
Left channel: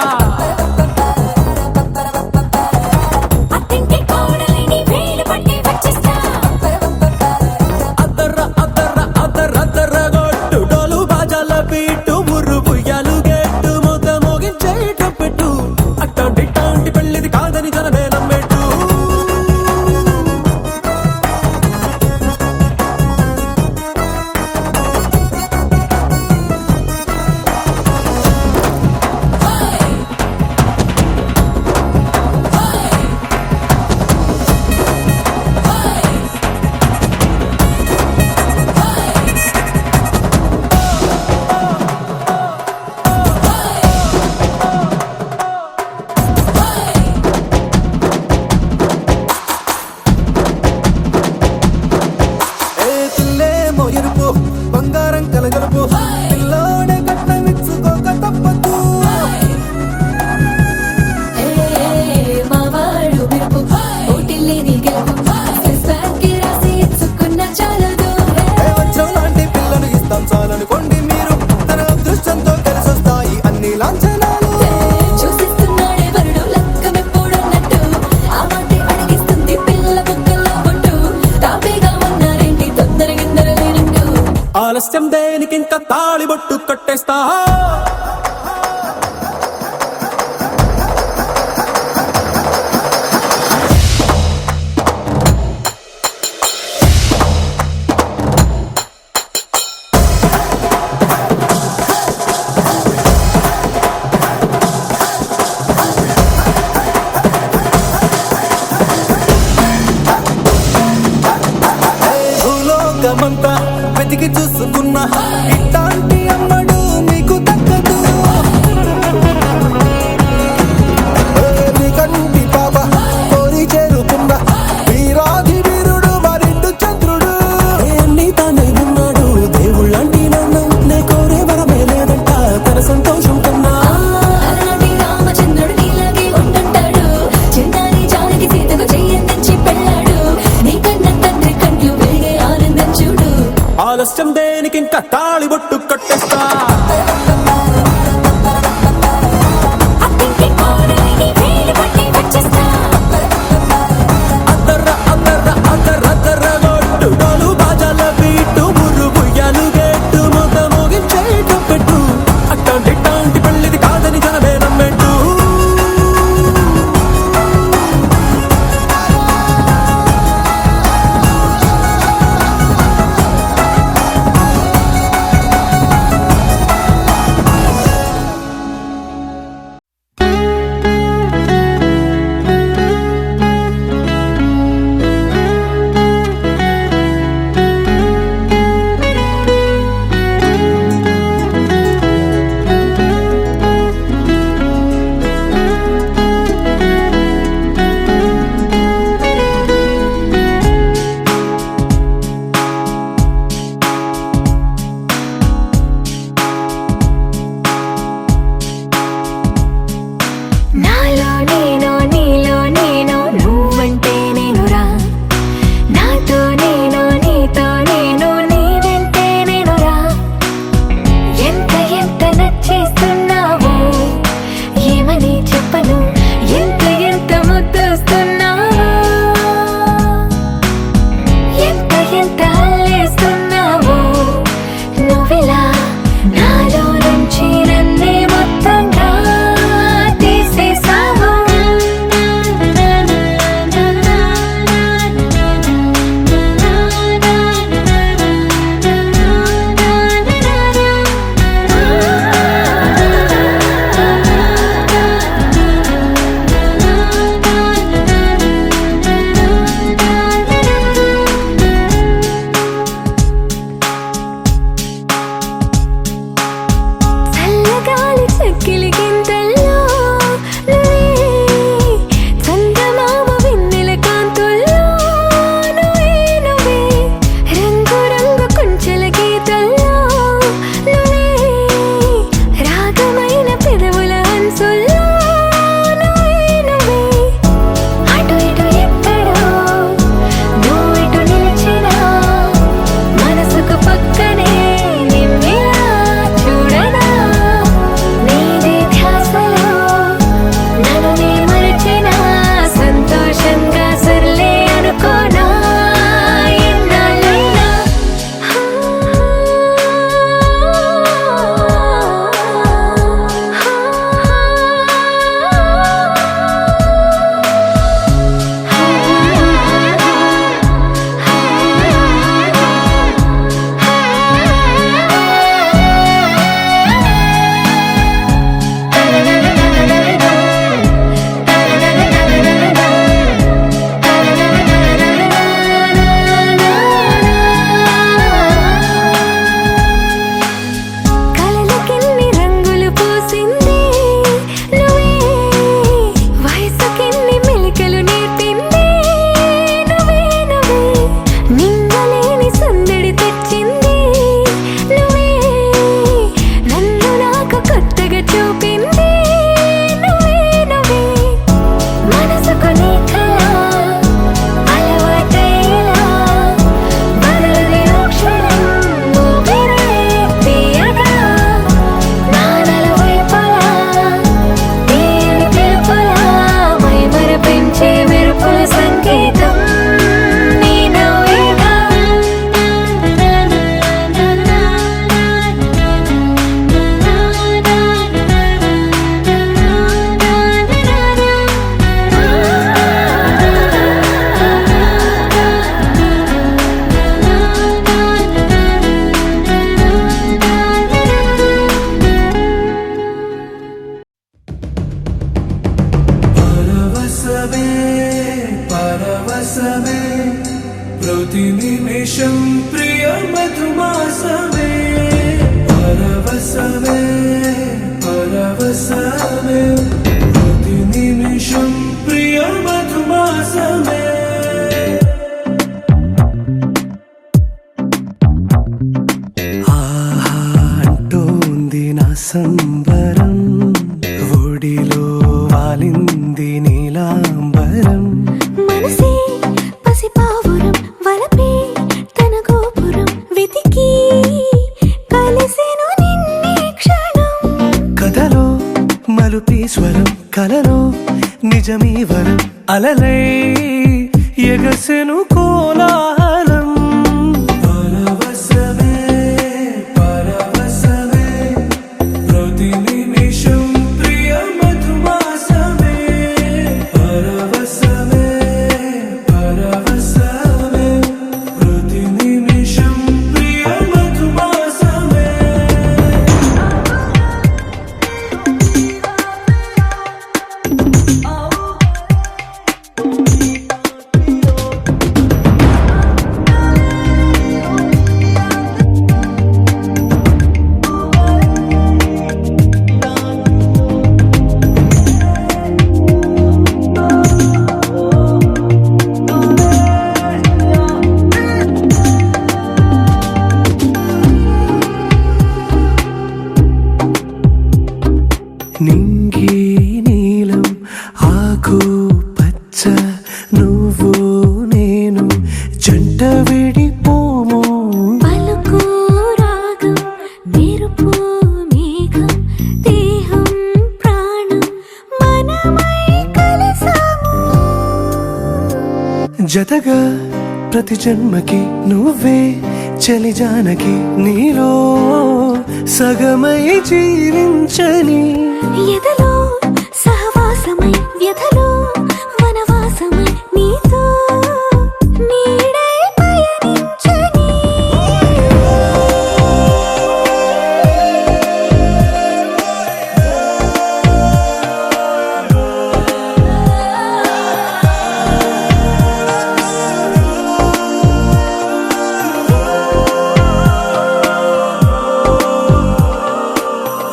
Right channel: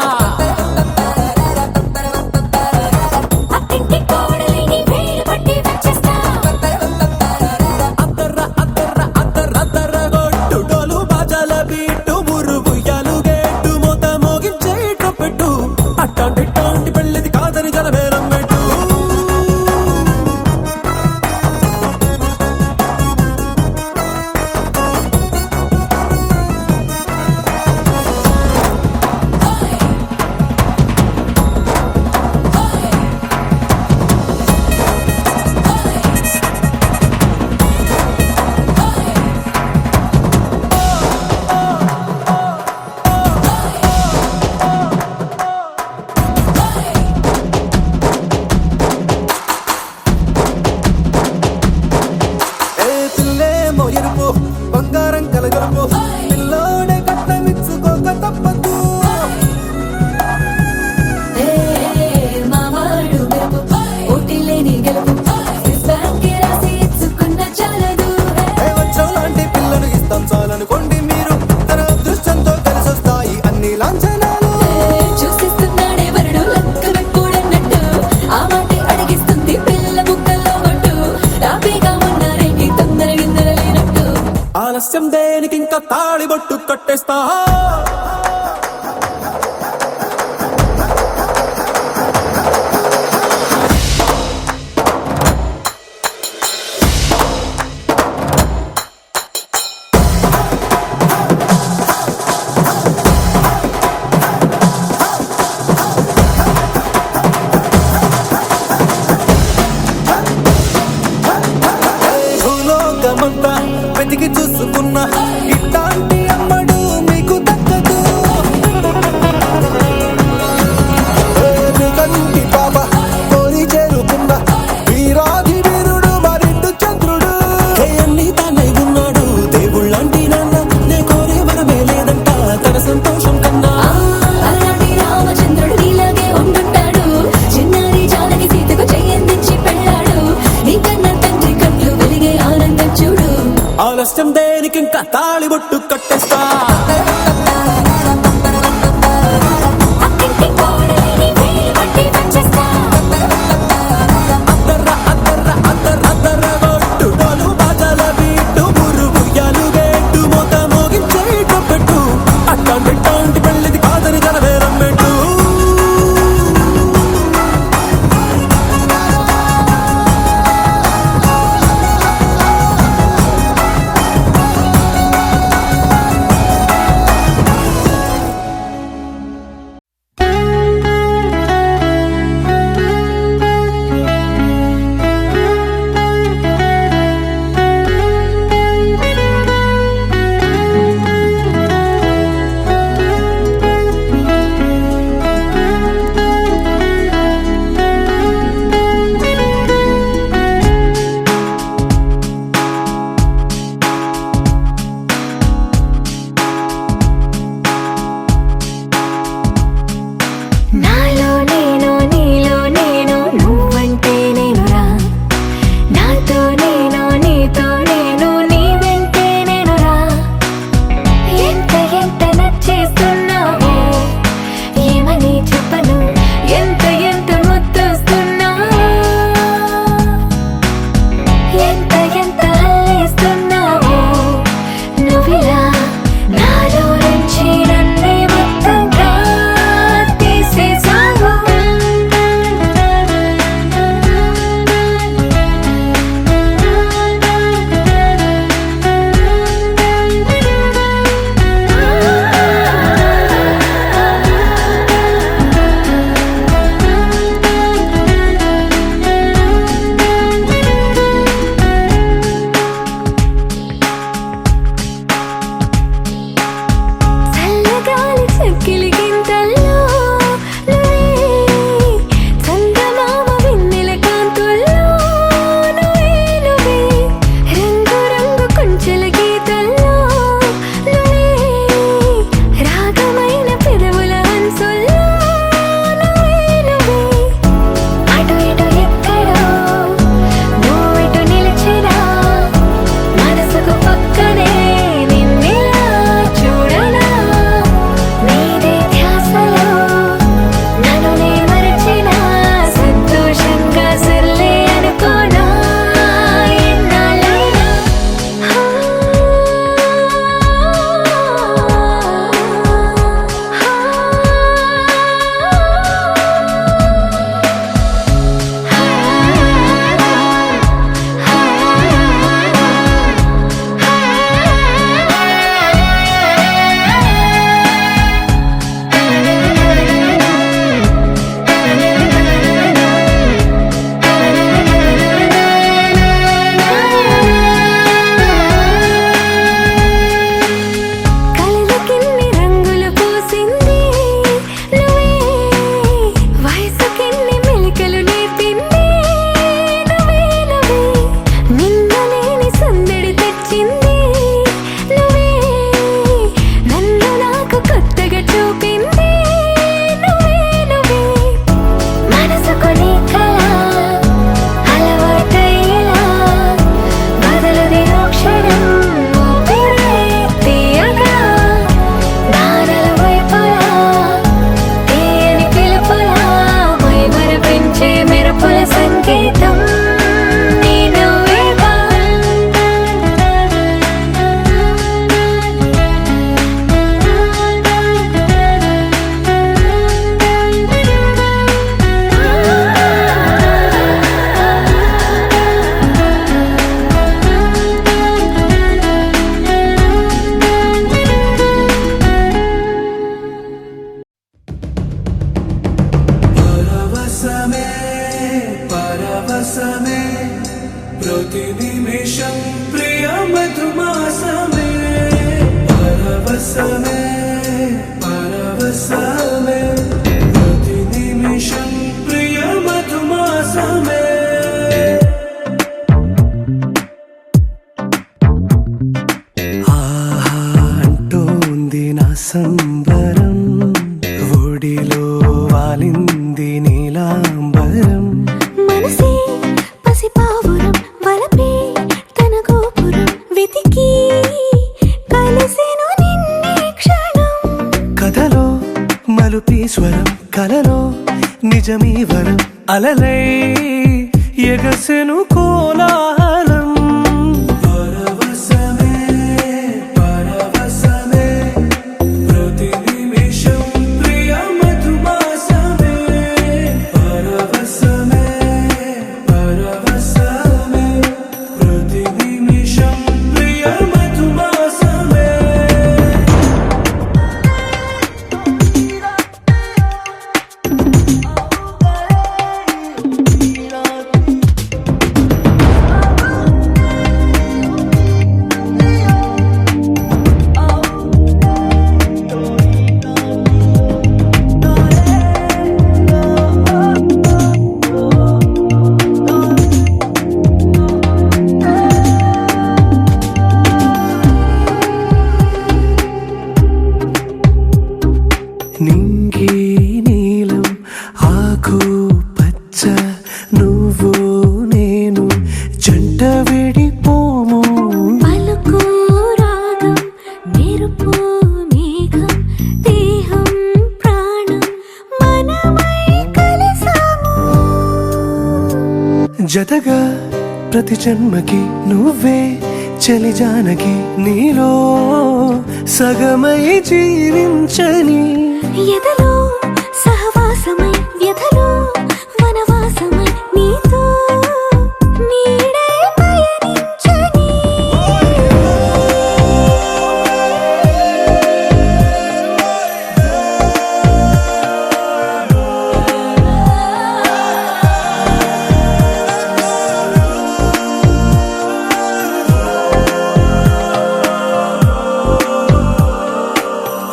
అత్తింటి కోడలిని వేలు పట్టి వచ్చేస్తా. అద్దర్ర అద్దర్ర అద్దరద్దరగొట్టు డోలు బాజాల బీటు ఊరు ఉయ్యాలు గేట్టు మోత మోగించే పెట్టు అట్టాంటి టాంటి పెళ్ళిది కాదని జనమే నమ్మెట్టు. ఏ పిల్లేమో ఎరుపు బంగారం కలగలుపు పిల్లోడే కట్నమిచ్చుకోక తప్పదు. మా వాడు మెరుపు ఓటిల్లేని గెలుపు స్పాన్కి రాసి ఇచ్చుకున్న చాలదు. ఏ వచ్చం లాంటి పిల్లను ఇస్తాం చాలనుకోండి మీరు. తన అదృష్టంతో కలిసొస్తాయి అన్ని లాంఛనాలు. చూసిస్తున్నాడే వరుడు లక్కమెప్పుడన్నట్టు ఆ మాటే అడిగిస్తుంది పిల్ల ముగ్గల్లో ఒట్టు. తాపీగా ఉన్నారేంటి తొందర విందర లేనట్టు. ఆలస్యం దేనికి ఇంకా ఇంకా తాళిబొట్టు కట్టేస్తా భూలోకమంతా వెతికి చూసుకున్నా ఇట్లాంటి అమ్మడు మీకు దక్కదు నీ కంటి పాప కోరి చేరుకున్న వీరాధి వీరుడు మరిండు చంద్రుడు అన్ని తానై ఉన్నాడు దేవుళ్ళంటి నన్నం నే కోరే వరమే లేదంట తన సంతోషం కన్నా అలాంటి రామచంద్రుడు నీలాగే ఉండంటాడు చిన్నారి జానకి సీతకు చెయ్యందించి పెళ్ళాడు నీ కన్న తండ్రి కండ్లు వెలిగి ఆనందం చూడు ఆలస్యం దేనికి ఇంకా తాళిబొట్టు కట్టేస్తా అత్తింటి కోడలిని వేలు పట్టి వచ్చేస్తా అద్దర్రా అద్దర్రా ప్రతి నిమిషం ప్రియ మధుమాసమే పరవశమే పరవశమే ప్రతి నిమిషం ప్రియ మధుమాసమే ఆహా అంటోంది నా సంబరం ఒడిలో వాలింది నీలాంబరం మనసే పసిపావురం వలపే తన గోపురం వెతికి కలిసెను నిన్నే క్షణం కథలో మలుపీశ్వరం కలలో నిజమీ వరం అలలై ఎగసెను కోలాహలం పరవశమే పరవశమే ప్రతి నిమిషం ప్రియ మధుమాసమే పరవశమే పరవశమే ప్రతి నిమిషం ప్రియ మధుమాసమే నింగి నీలం ఆకు పచ్చ నువ్వు నేను జంట విడిపోము పలుకు రాగం మెరుపు మేఘం దేహం ప్రాణం మనమై కలిసాము జతగా ప్రతి జన్మకి నువ్వే చలి జానకి నీలో సగమై జీవించని ఎదలో సహవాసమై వ్యధలో వనవాసమై నీతో నీడై పయనించని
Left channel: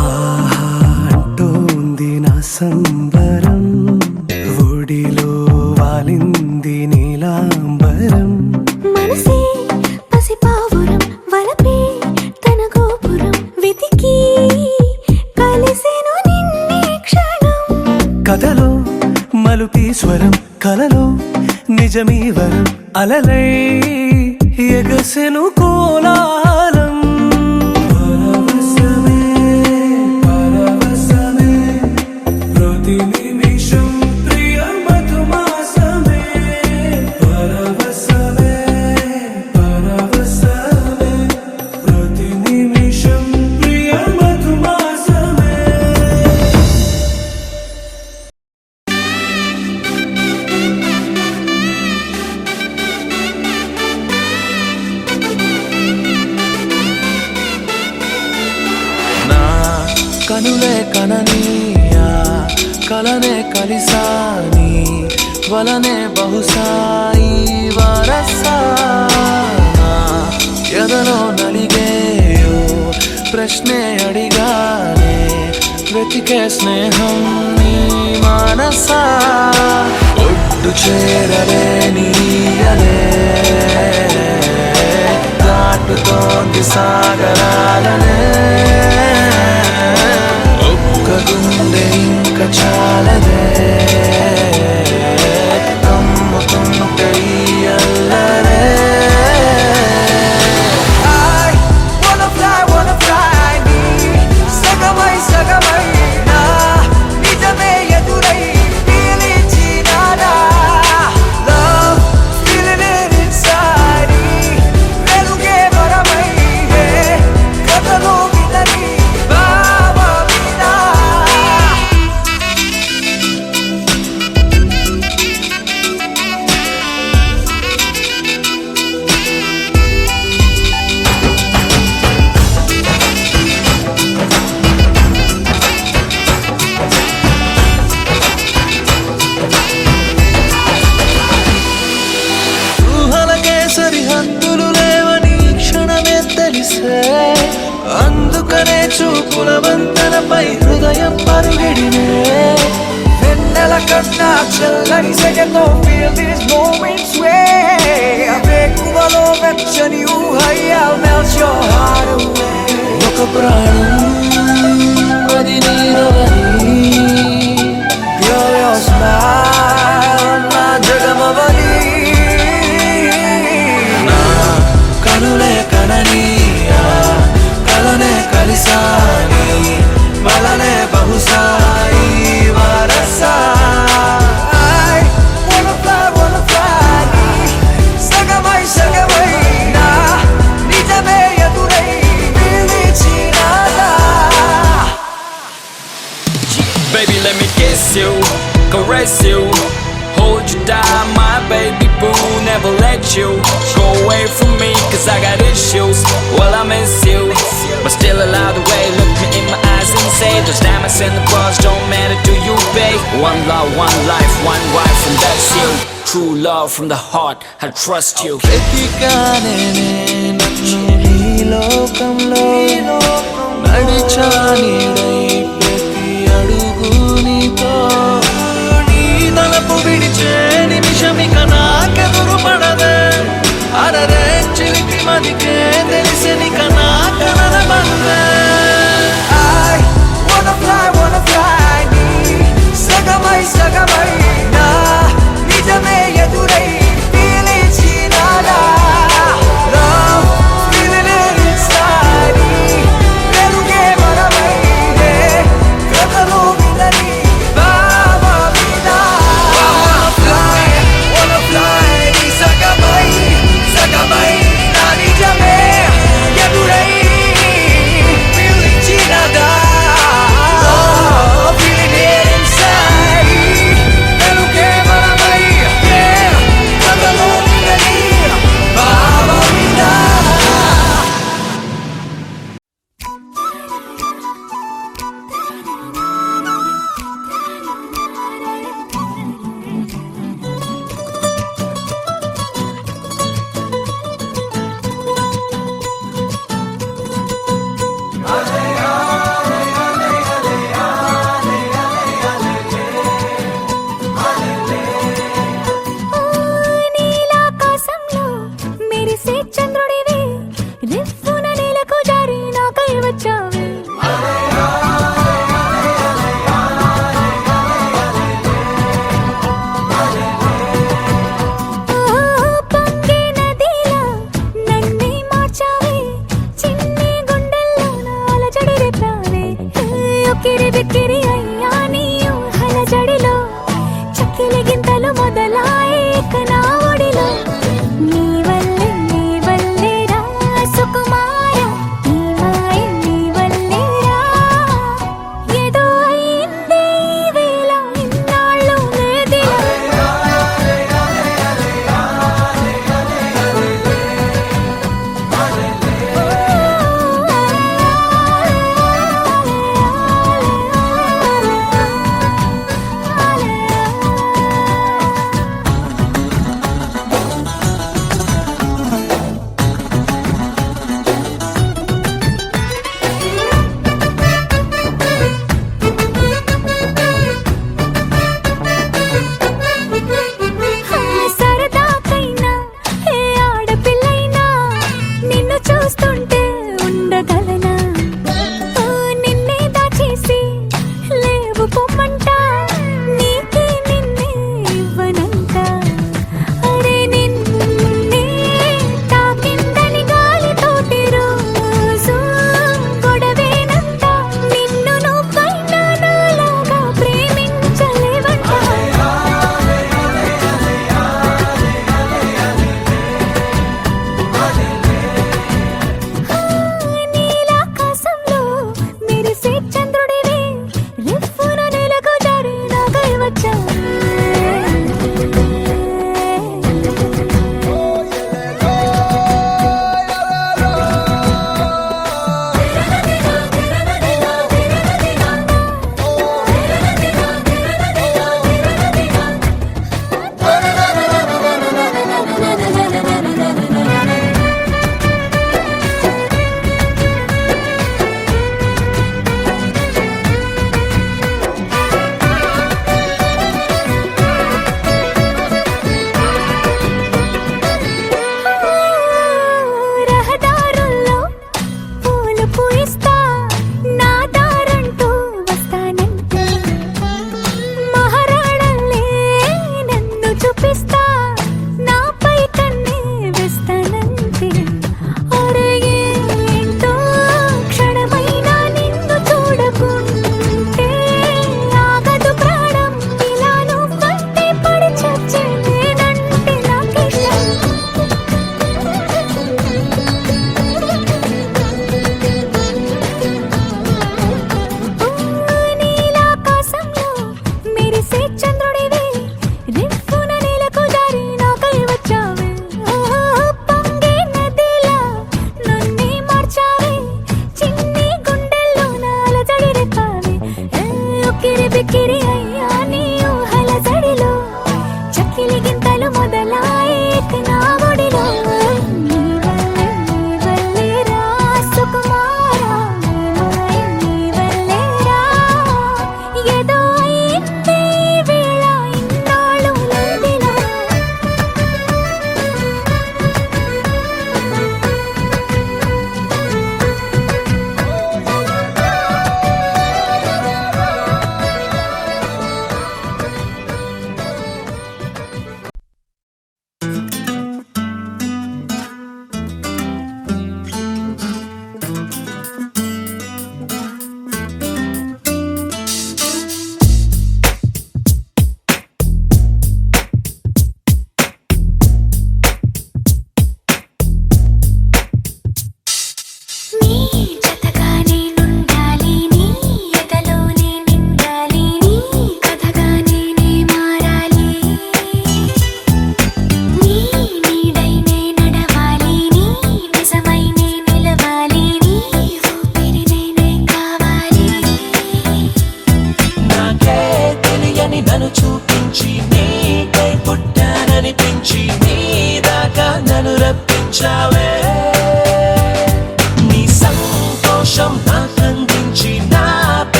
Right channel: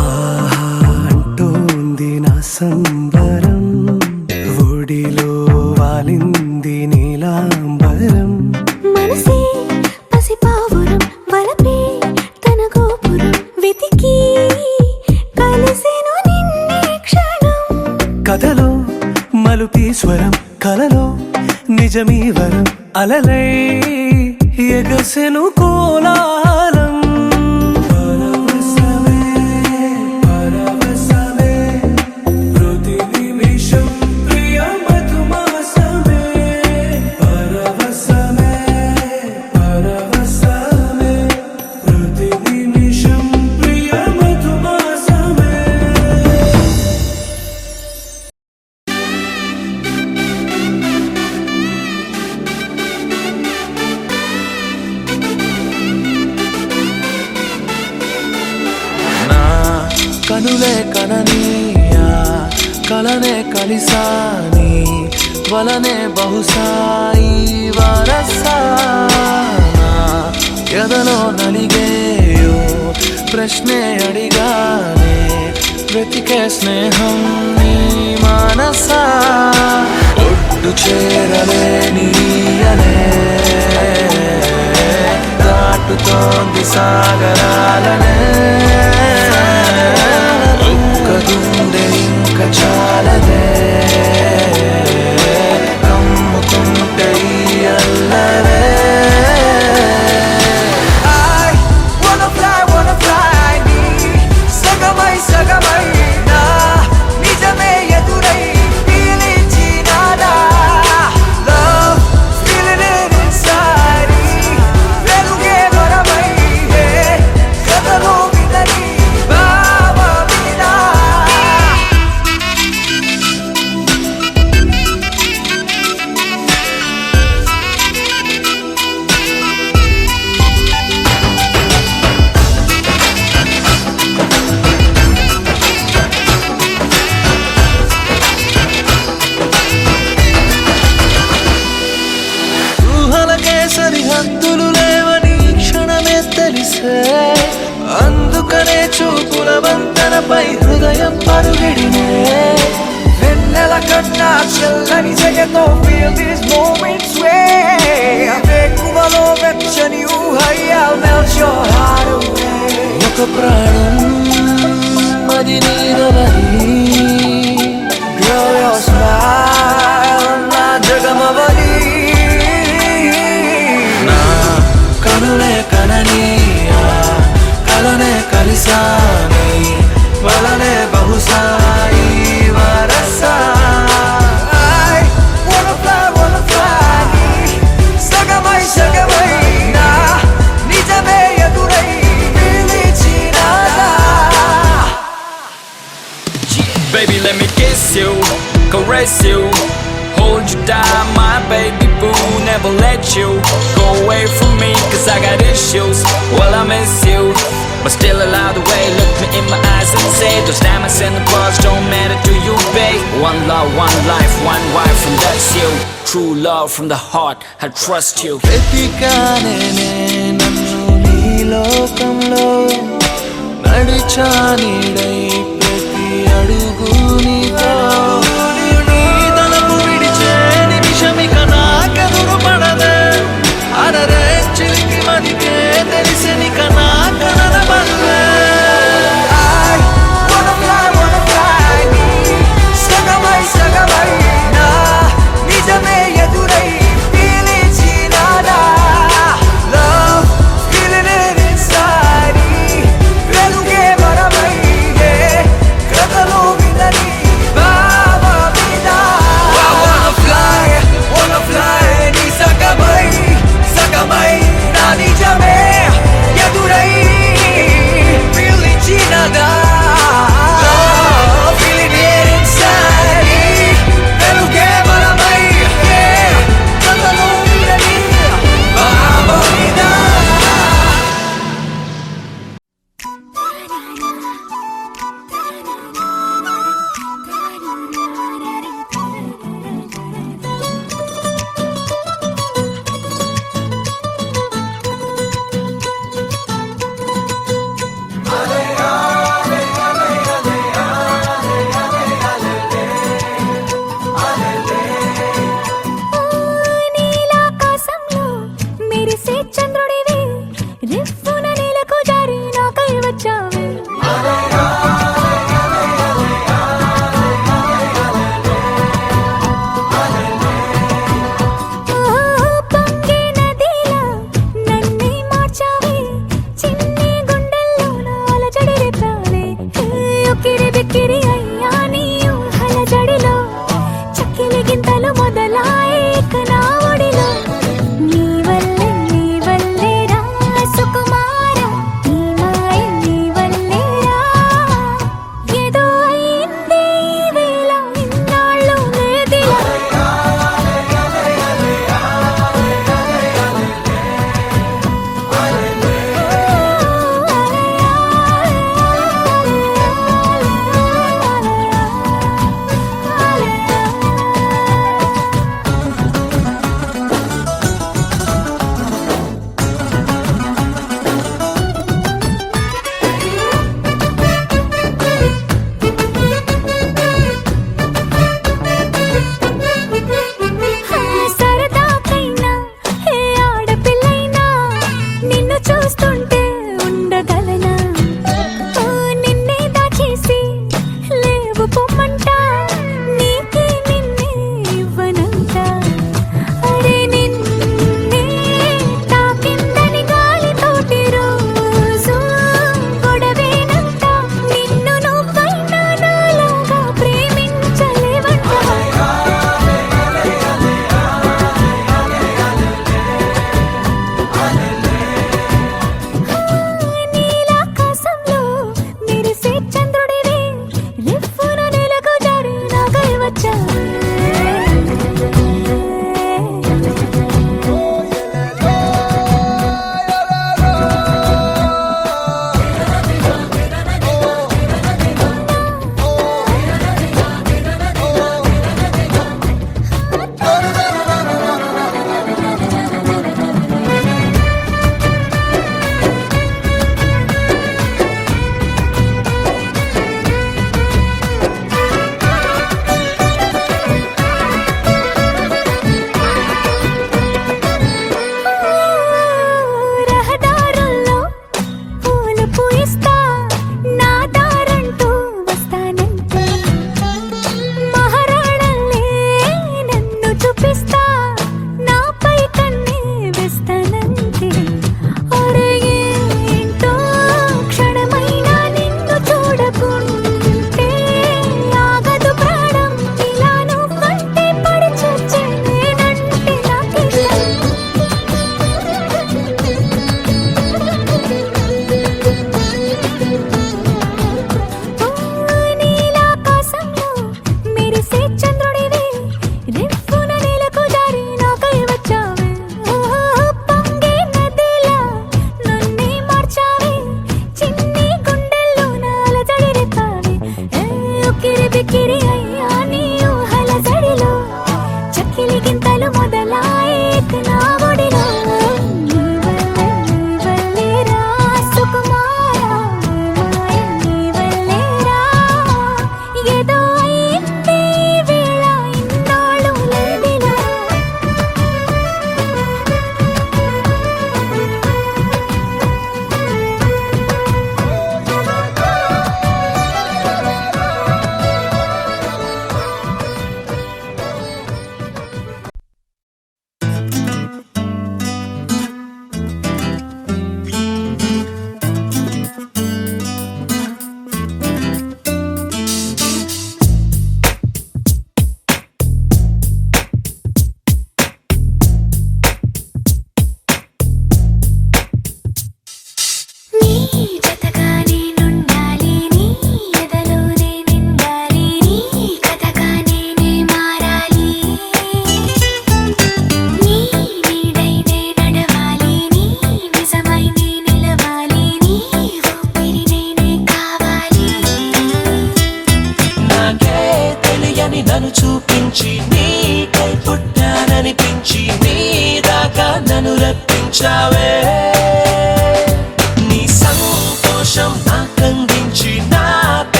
ఆహా అంటోంది నా సంబరం ఒడిలో వాలింది నీలాంబరం మనసే పసిపావురం వలపే తన గోపురం వెతికి కలిసెను నిన్నే క్షణం కథలో మలుపీశ్వరం కలలో నిజమీ వరం అలలై ఎగసెను కోలాహలం పరవశమే పరవశమే ప్రతి నిమిషం ప్రియ మధుమాసమే పరవశమే పరవశమే ప్రతి నిమిషం ప్రియ మధుమాసమే నా కనులే కననీయా కలనే కలిసాని వలనే బహుశాయి వరసానా ఎదలో నలిగేయో ప్రశ్నే అడిగానే వెతికే స్నేహం నీ మనసా ఒడ్డు చేరలేనీయలే దాటుతోంది సాగరాలనే ఒక్క గుండె ఇంక చాలదే కమ్ముతుంటే ఈ అల్లరే సగమై నా నిజమే ఎదురై పీలిచినాడా లవ్ feeling it inside వెలుగే వరమై కథలో వినని భావమినా మందులు లేవని ఈ క్షణమే తెలిసే అందుకనే చూపుల వంతెనపై హృదయం పరుగిడినే వెన్నెల కన్నా చల్లని సెగతో feel these moments way వేకువలో వెచ్చని ఊహై I'll melt your heart away ఒక ప్రాణం అది నీదవని Girl your smile నా జగమవని నా కనులే కనని కలనే కలిసాని వలనే బహుశాయి వరసా I wanna fly నీ సగమై సగమై నా నిజమే ఎదురై పిలిచినాదా Baby, let me kiss you, caress you, hold you down, my baby boo. Never let you go away from me, cause I got issues. Well, I miss you, but still allow the way. Look me in my eyes and say, those diamonds and the pearls don't matter to you, babe. One love, one life, one wife, and that's you. True love from the heart, I trust you. వెతికానే నన్ను నీ లోకంలో నడిచానిడై ప్రతి అడుగు నీతో నీ తలపు విడిచే నిమిషమిక నాకెదురు పడదే అరరే చిలికి మదికే తెలిసెనిక నా కనన బరువే I wanna fly నీ సగమై సగమై నా నిజమే ఎదురై పిలిచినాదా Love feeling it inside వెలుగే వరమై కథలో వినని బావ మీద I wanna fly నీ సగ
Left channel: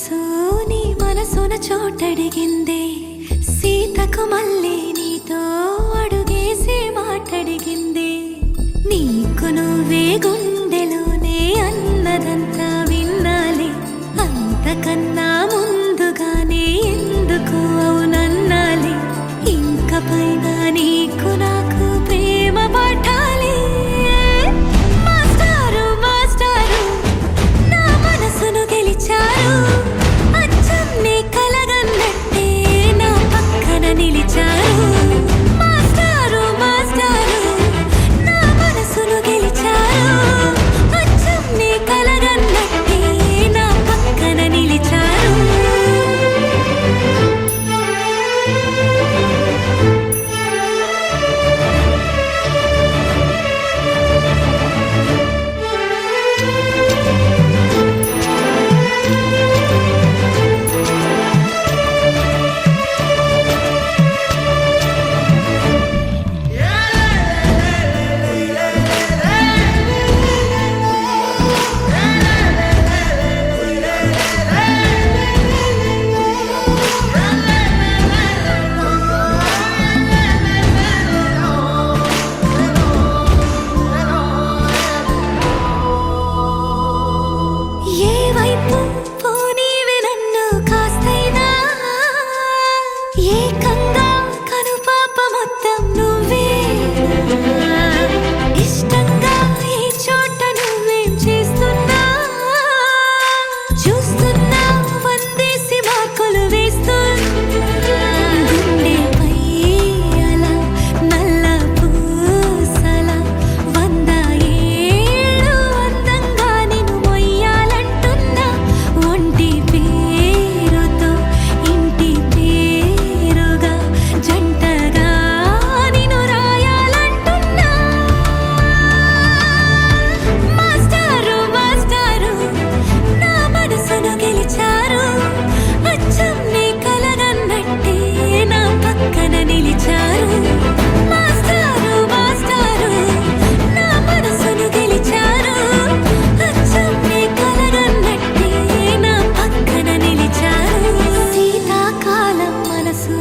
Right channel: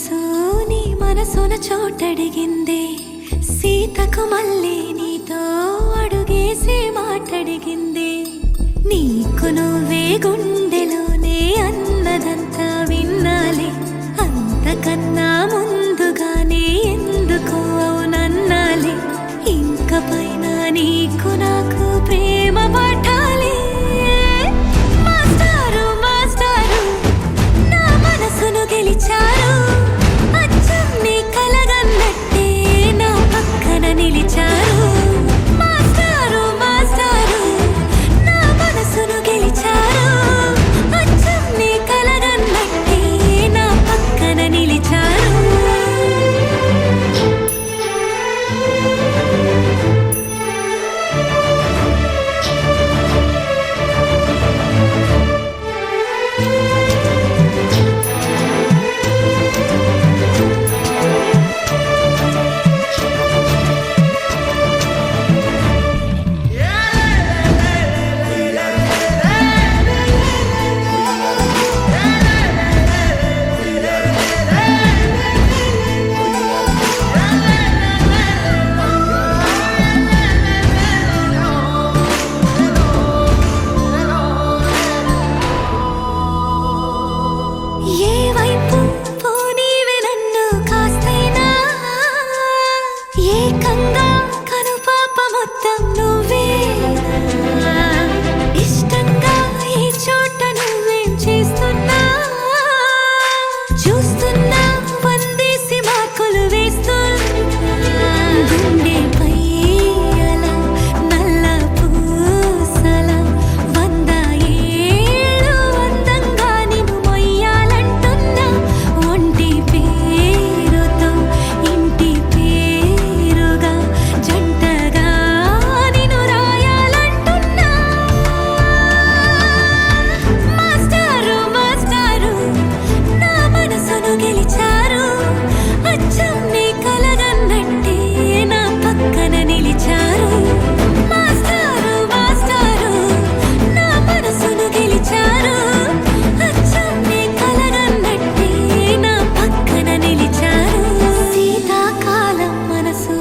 మనసు నీ మనసున చోటడిగిందే సీతకు మళ్ళీ నీతో అడుగేసి మాటడిగిందే నీకు నువ్వే గుండెలోనే అన్నదంతా విన్నాలే అంతకన్నా ముందుగానే ఎందుకు అవునన్నాలే ఇంక పైన నీకు నాకు ప్రేమ పాఠాలే మాస్టారు మాస్టారు నా మనసును గెలిచారు అచ్చం నీ కలగన్నట్టే నా పక్కన నిలిచారు మాస్టారు మాస్టారు నా మనసును గెలిచారు అచ్చం నీ కలగన్నట్టే నా పక్కన నిలిచారు ఏ వైపు పోనీవే నన్ను కాస్తైనా ఏకంగా కనుపాప మొత్తం నువ్వే ఇష్టంగా ఈ చోట నువ్వేం చేస్తున్నా చూస్తున్నా వందేసి మార్కులు వేస్తున్నా గుండెపై అలా నల్ల పూసల 100 ఏళ్ళు అందంగా నిన్ను మొయ్యాలంటున్నా ఒంటి పేరుతో ఇంటి పేరుగా జంటగా నిన్ను రాయాలంటున్నా మాస్టారు మాస్టారు నా మనసును గెలిచారు అచ్చం నీ కలగన్నట్టే నా పక్కన నిలిచారు మాస్టారు మాస్టారు నా మనసును గెలిచారు అచ్చం నీ కలగన్నట్టే నా పక్కన నిలిచారు శీతాకాలం మనసు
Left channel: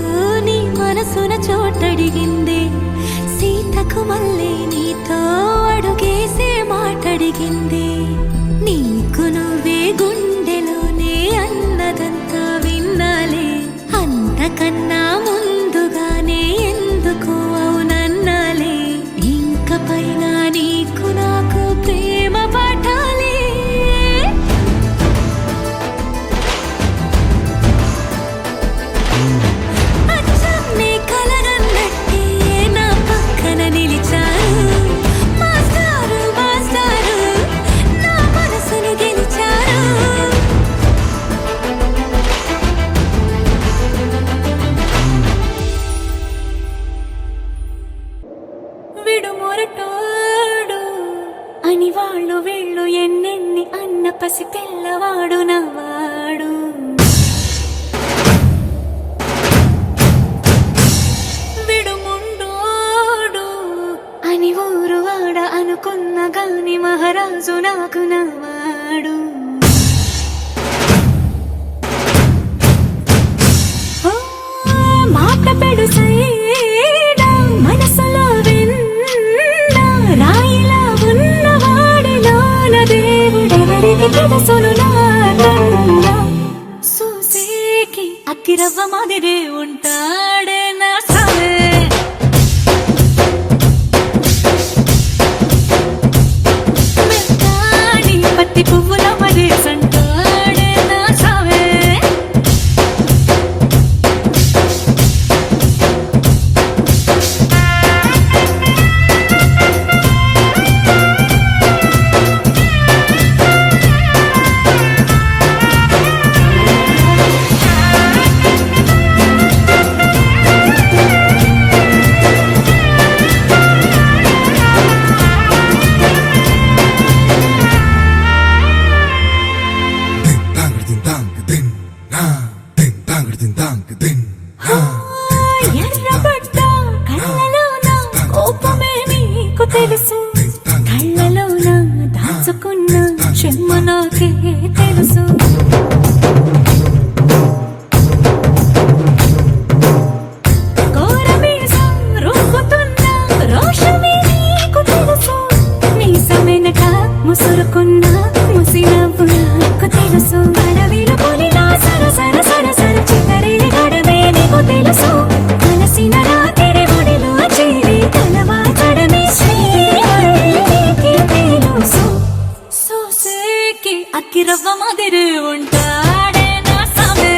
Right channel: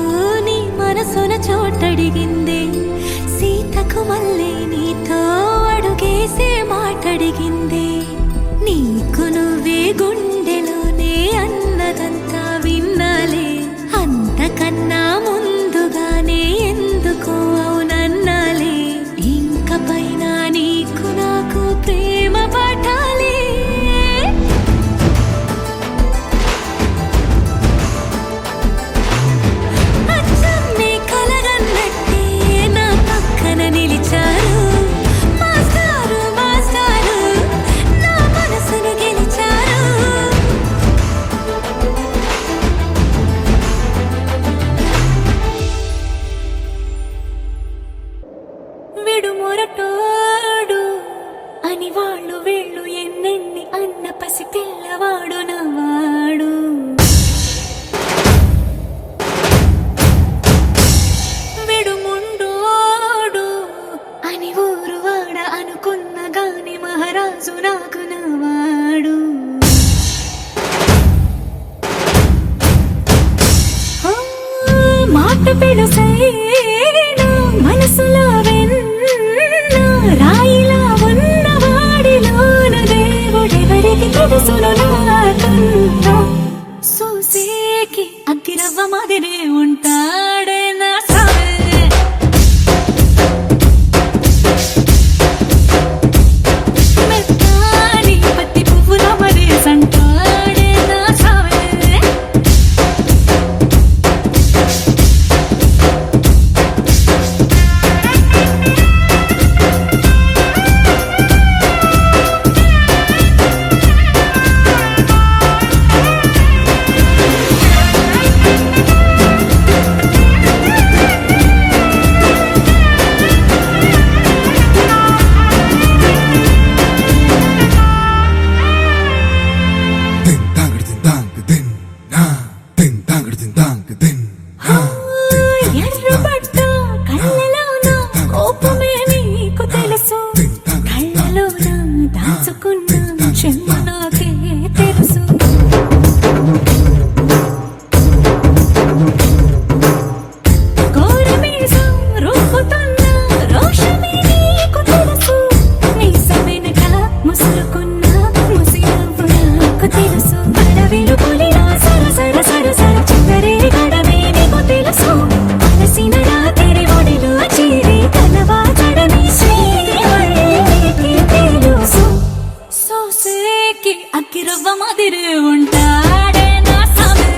నీ మనసున చోటడిగిందే సీతకు మళ్ళీ నీతో అడుగేసే మాటడిగిందే నీకు నువ్వే గుండెలోనే అన్నదంతా విన్నాలే అంతకన్నా ముందుగానే ఎందుకు అవునన్నాలే ఇంక పైన నీకు నాకు ప్రేమ పాఠాలే అచ్చం నీ కలగన్నట్టే నా పక్కన నిలిచారు మాస్టారు మాస్టారు నా మనసును గెలిచారు విడు మొరటోడు అని వాళ్ళు వీళ్ళు ఎన్నెన్ని అన్న పసి పిల్లవాడు నవ్వాడు విడు ముండోడు అని ఊరు వాడ అనుకున్న గాని మహారాజు నాకు నవ్వాడు ఓ, మాట పెడుసైనా మనసులో వెన్న రాయిలా ఉన్నవాడిలోన దేవుడెవరికి తెలుసును నాకన్నా సూసేకి అగ్గిరవ్వ మాదిరే ఉంటాడే నా సావే మెత్తాని పత్తి పువ్వుల మరే సంటాడే నా సావే ముసురుకున్న ముసి నవ్వు నాకు తెలుసు అడవిలు పులిలా సర సర సర సర చిల్లరే గడమే నీకు తెలుసు అలసిన రాత్రి ఒడిలో చేరి తలవాచడమే శ్రీహరికి తెలుసు సోసేకి అగ్గిరవ్వ మాదిరి ఉంటాడే నా సామే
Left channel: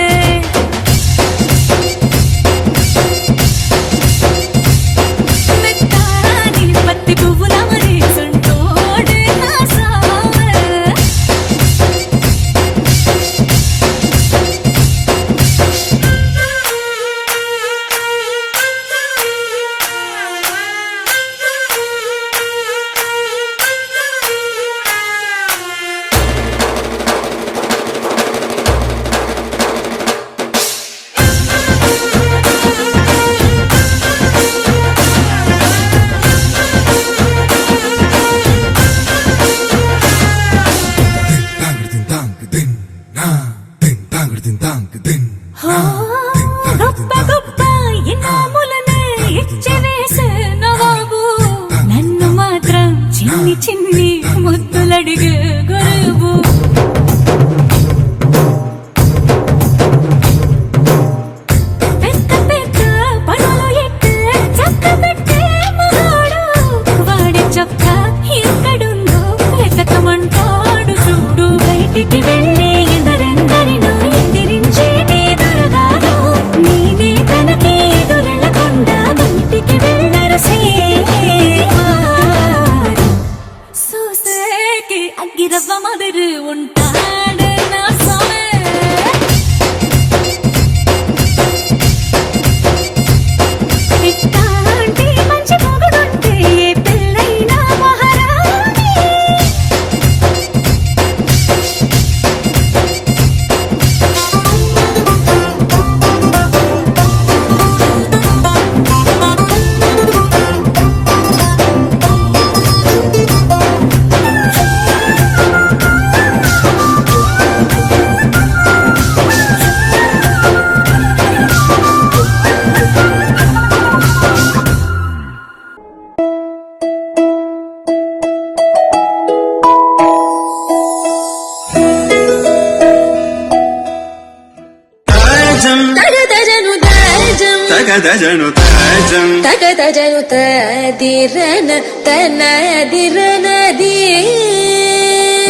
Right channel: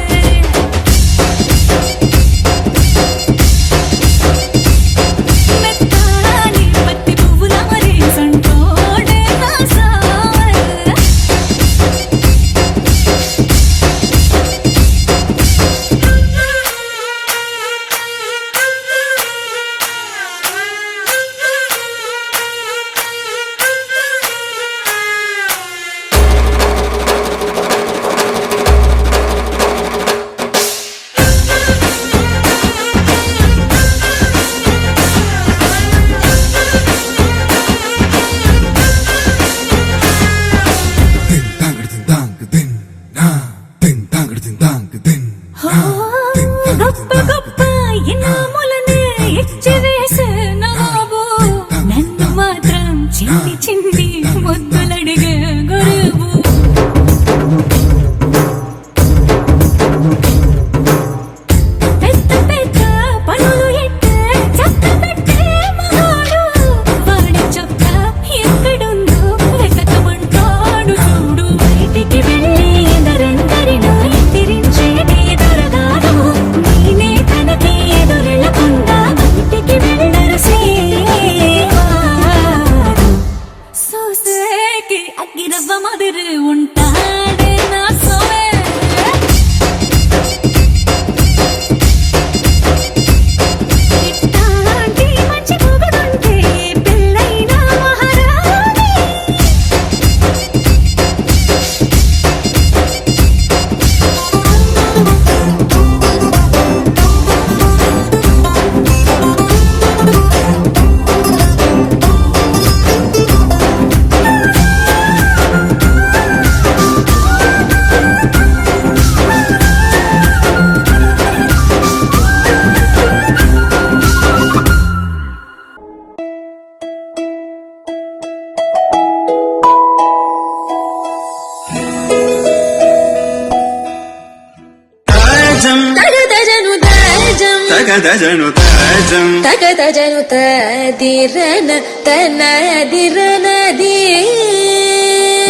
మెత్తాని పత్తి పువ్వుల మరి సంటోడే నా సామే హో గొప్ప గొప్ప ఇనాములనే ఇచ్చి వేసే నవాబు నన్ను మాత్రం చిన్ని చిన్ని ముద్దులడిగే గురువు పెద్ద పెద్ద పనులు ఎట్టే చక్క పెట్టే మగాడు వాడి చొక్క ఎక్కడుందో వెతకమంటాడు చూడు బయటికి వెళ్ళి ఇద్దరెందరినో ఎదిరించేటి దొరగారు నేనే తనకి ఎదురెళ్ళకుండా బయటికి వెళ్ళరు శ్రీవారు సోసేకి అగ్గిరవ్వ మాదిరి ఉంటాడే నా సోమే ఇట్టాంటి మంచి పొగడుంటే ఏ పిల్లైనా మహారాణి తాజం తగదజను తాజం తగదజను తాజం తగదజను తదిరన తనదిరనది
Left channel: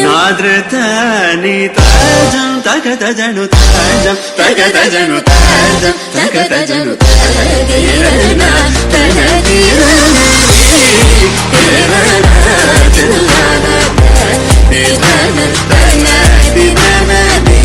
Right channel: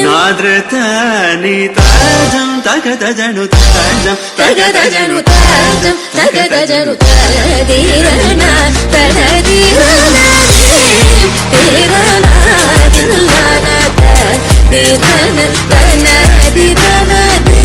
నాద్రతాని తాజం తగదజను తాజం తగదజను తాజం తగదజను తదిరన తనదిరనది తిరన తిల్లన తదిరన తనదిరనది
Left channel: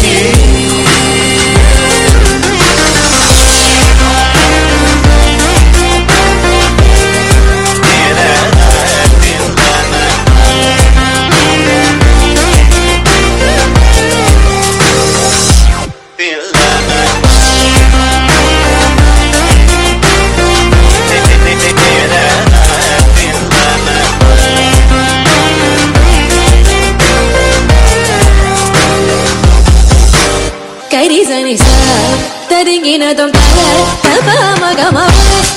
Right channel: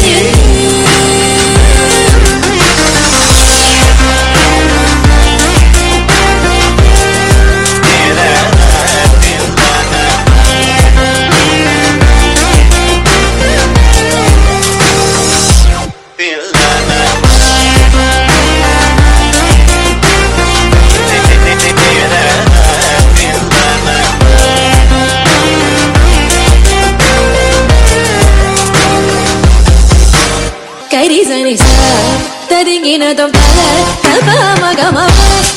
కరిజని సా తరింగిన దొం తప మగమ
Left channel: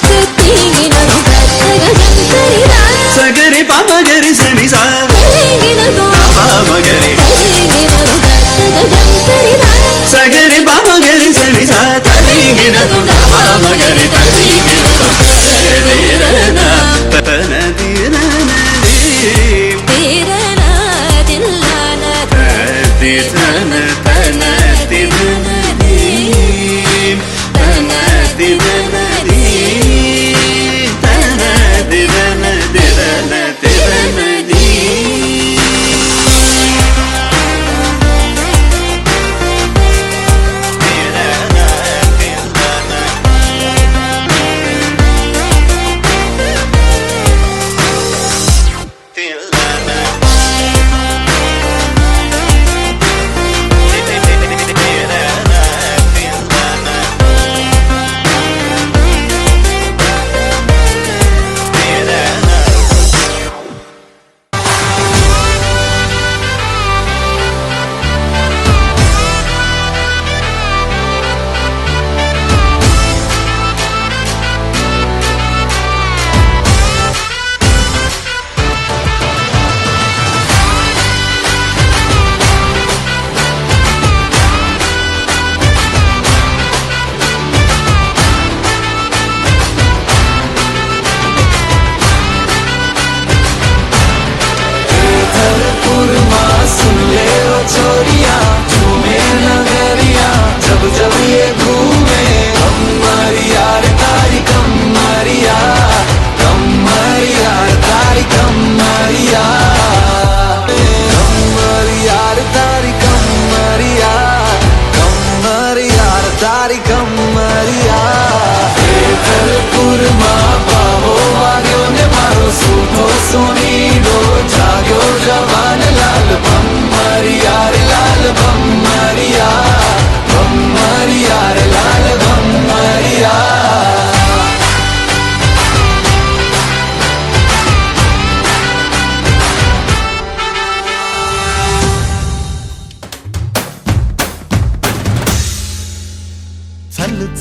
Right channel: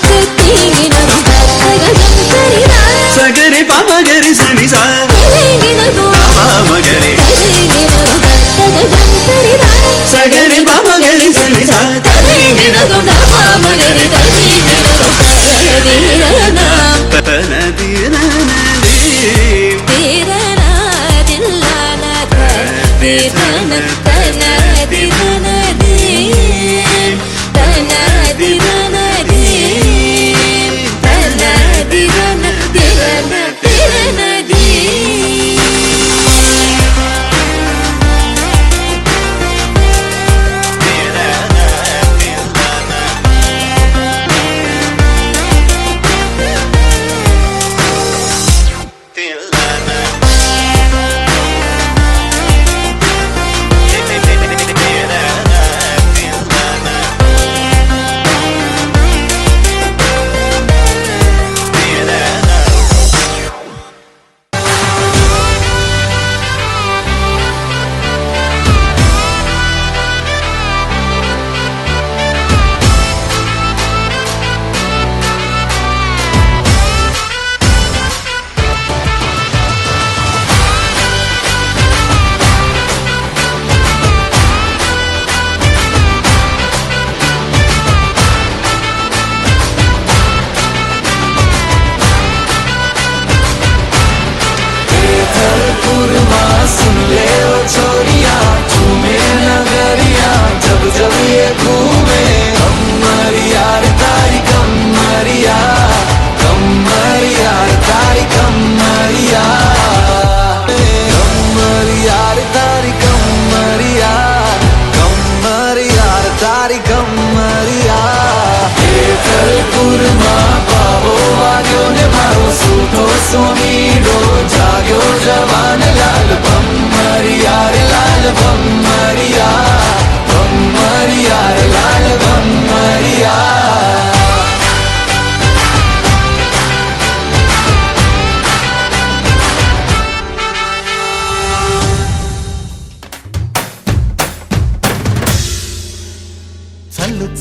తరింగిన దొం తగజం తరిరా సగరి పాపగరి సని సా తరింగిన దొం పాపగరి తరింగిన దొం తగజం తరిరా సగరి పాపగరి సని సా తరింగిన దొం పాపగరి తరింగిన దొం తరిరనా తనదిరనది తిరనా తిల్లన తిరన తనదిరనది తనదిరనది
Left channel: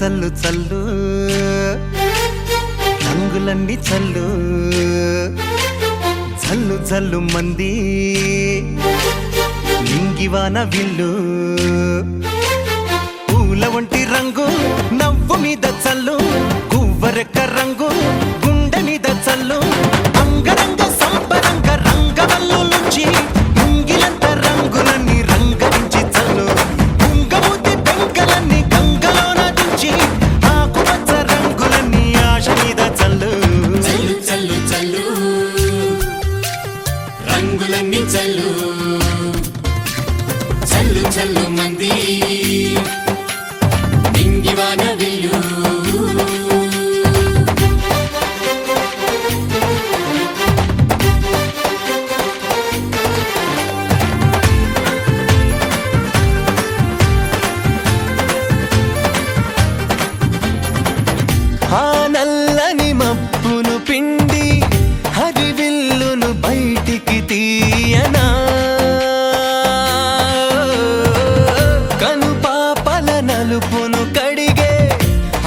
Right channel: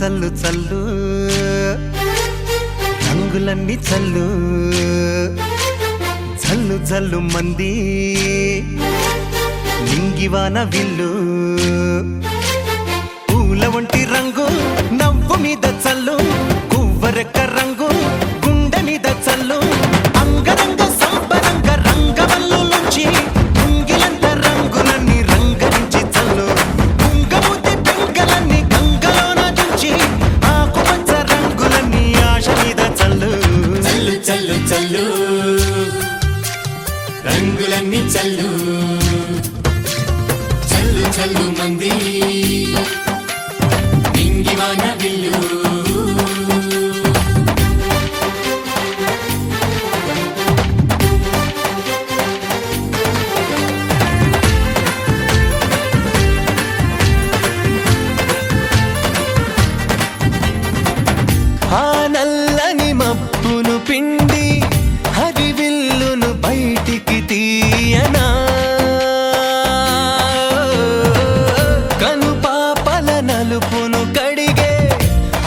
చల్లు చల్లు రంగులన్నీ చల్లు జల్లు జల్లు మంది నింగివాన విల్లు పూల వంటి రంగు నవ్వు మీద చల్లు గువ్వరెక్క రంగు గుండె మీద చల్లు అంగరంగ సంపరంగ రంగవల్లు నుంచి ముంగిలంత రంగులన్నీ రంగరించి చల్లు కుంగమూతి పెంకలన్నీ గంగలోన దుంచి ఆకుపచ్చ రంగులన్నీ ఆశ మీద చల్లు చల్లు చల్లు రంగులన్నీ చల్లు చల్లు చల్లు మంది నింగివాన విల్లు ఆ నల్లని మబ్బును పిండి హరివిల్లును బయటికి తీయనా కను పాపల నలుపును కడిగే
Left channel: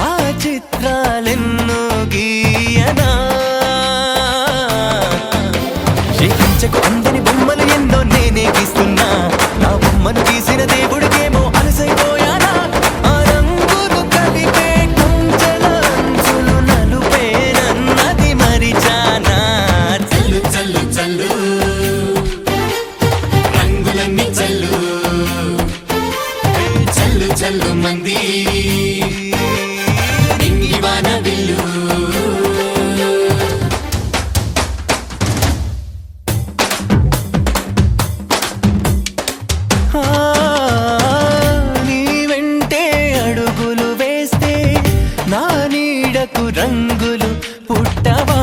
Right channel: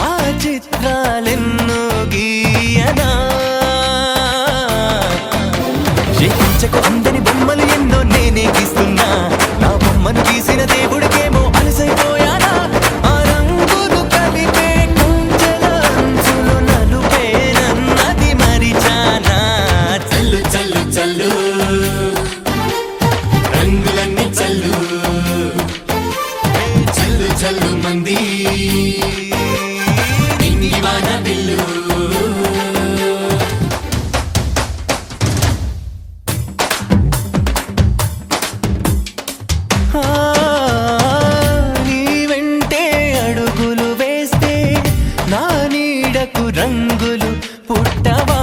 ఆ చిత్రాలెన్నో గీయనా చేయించకు అందని బొమ్మలు ఎన్నో నేనే గీస్తున్నా నా బొమ్మను గీసిన దేవుడికేమో అలసైపోయానా ఆ రంగులు కలిపే కుంచెల అంచులు నలుపేనన్నది మరిచానా చల్లు చల్లు చల్లు రంగులన్నీ చల్లు చల్లు చల్లు మంది నింగివాన విల్లు ఆ, నీ వెంటే అడుగులు వేస్తే నా నీడకు రంగులు పుట్టవా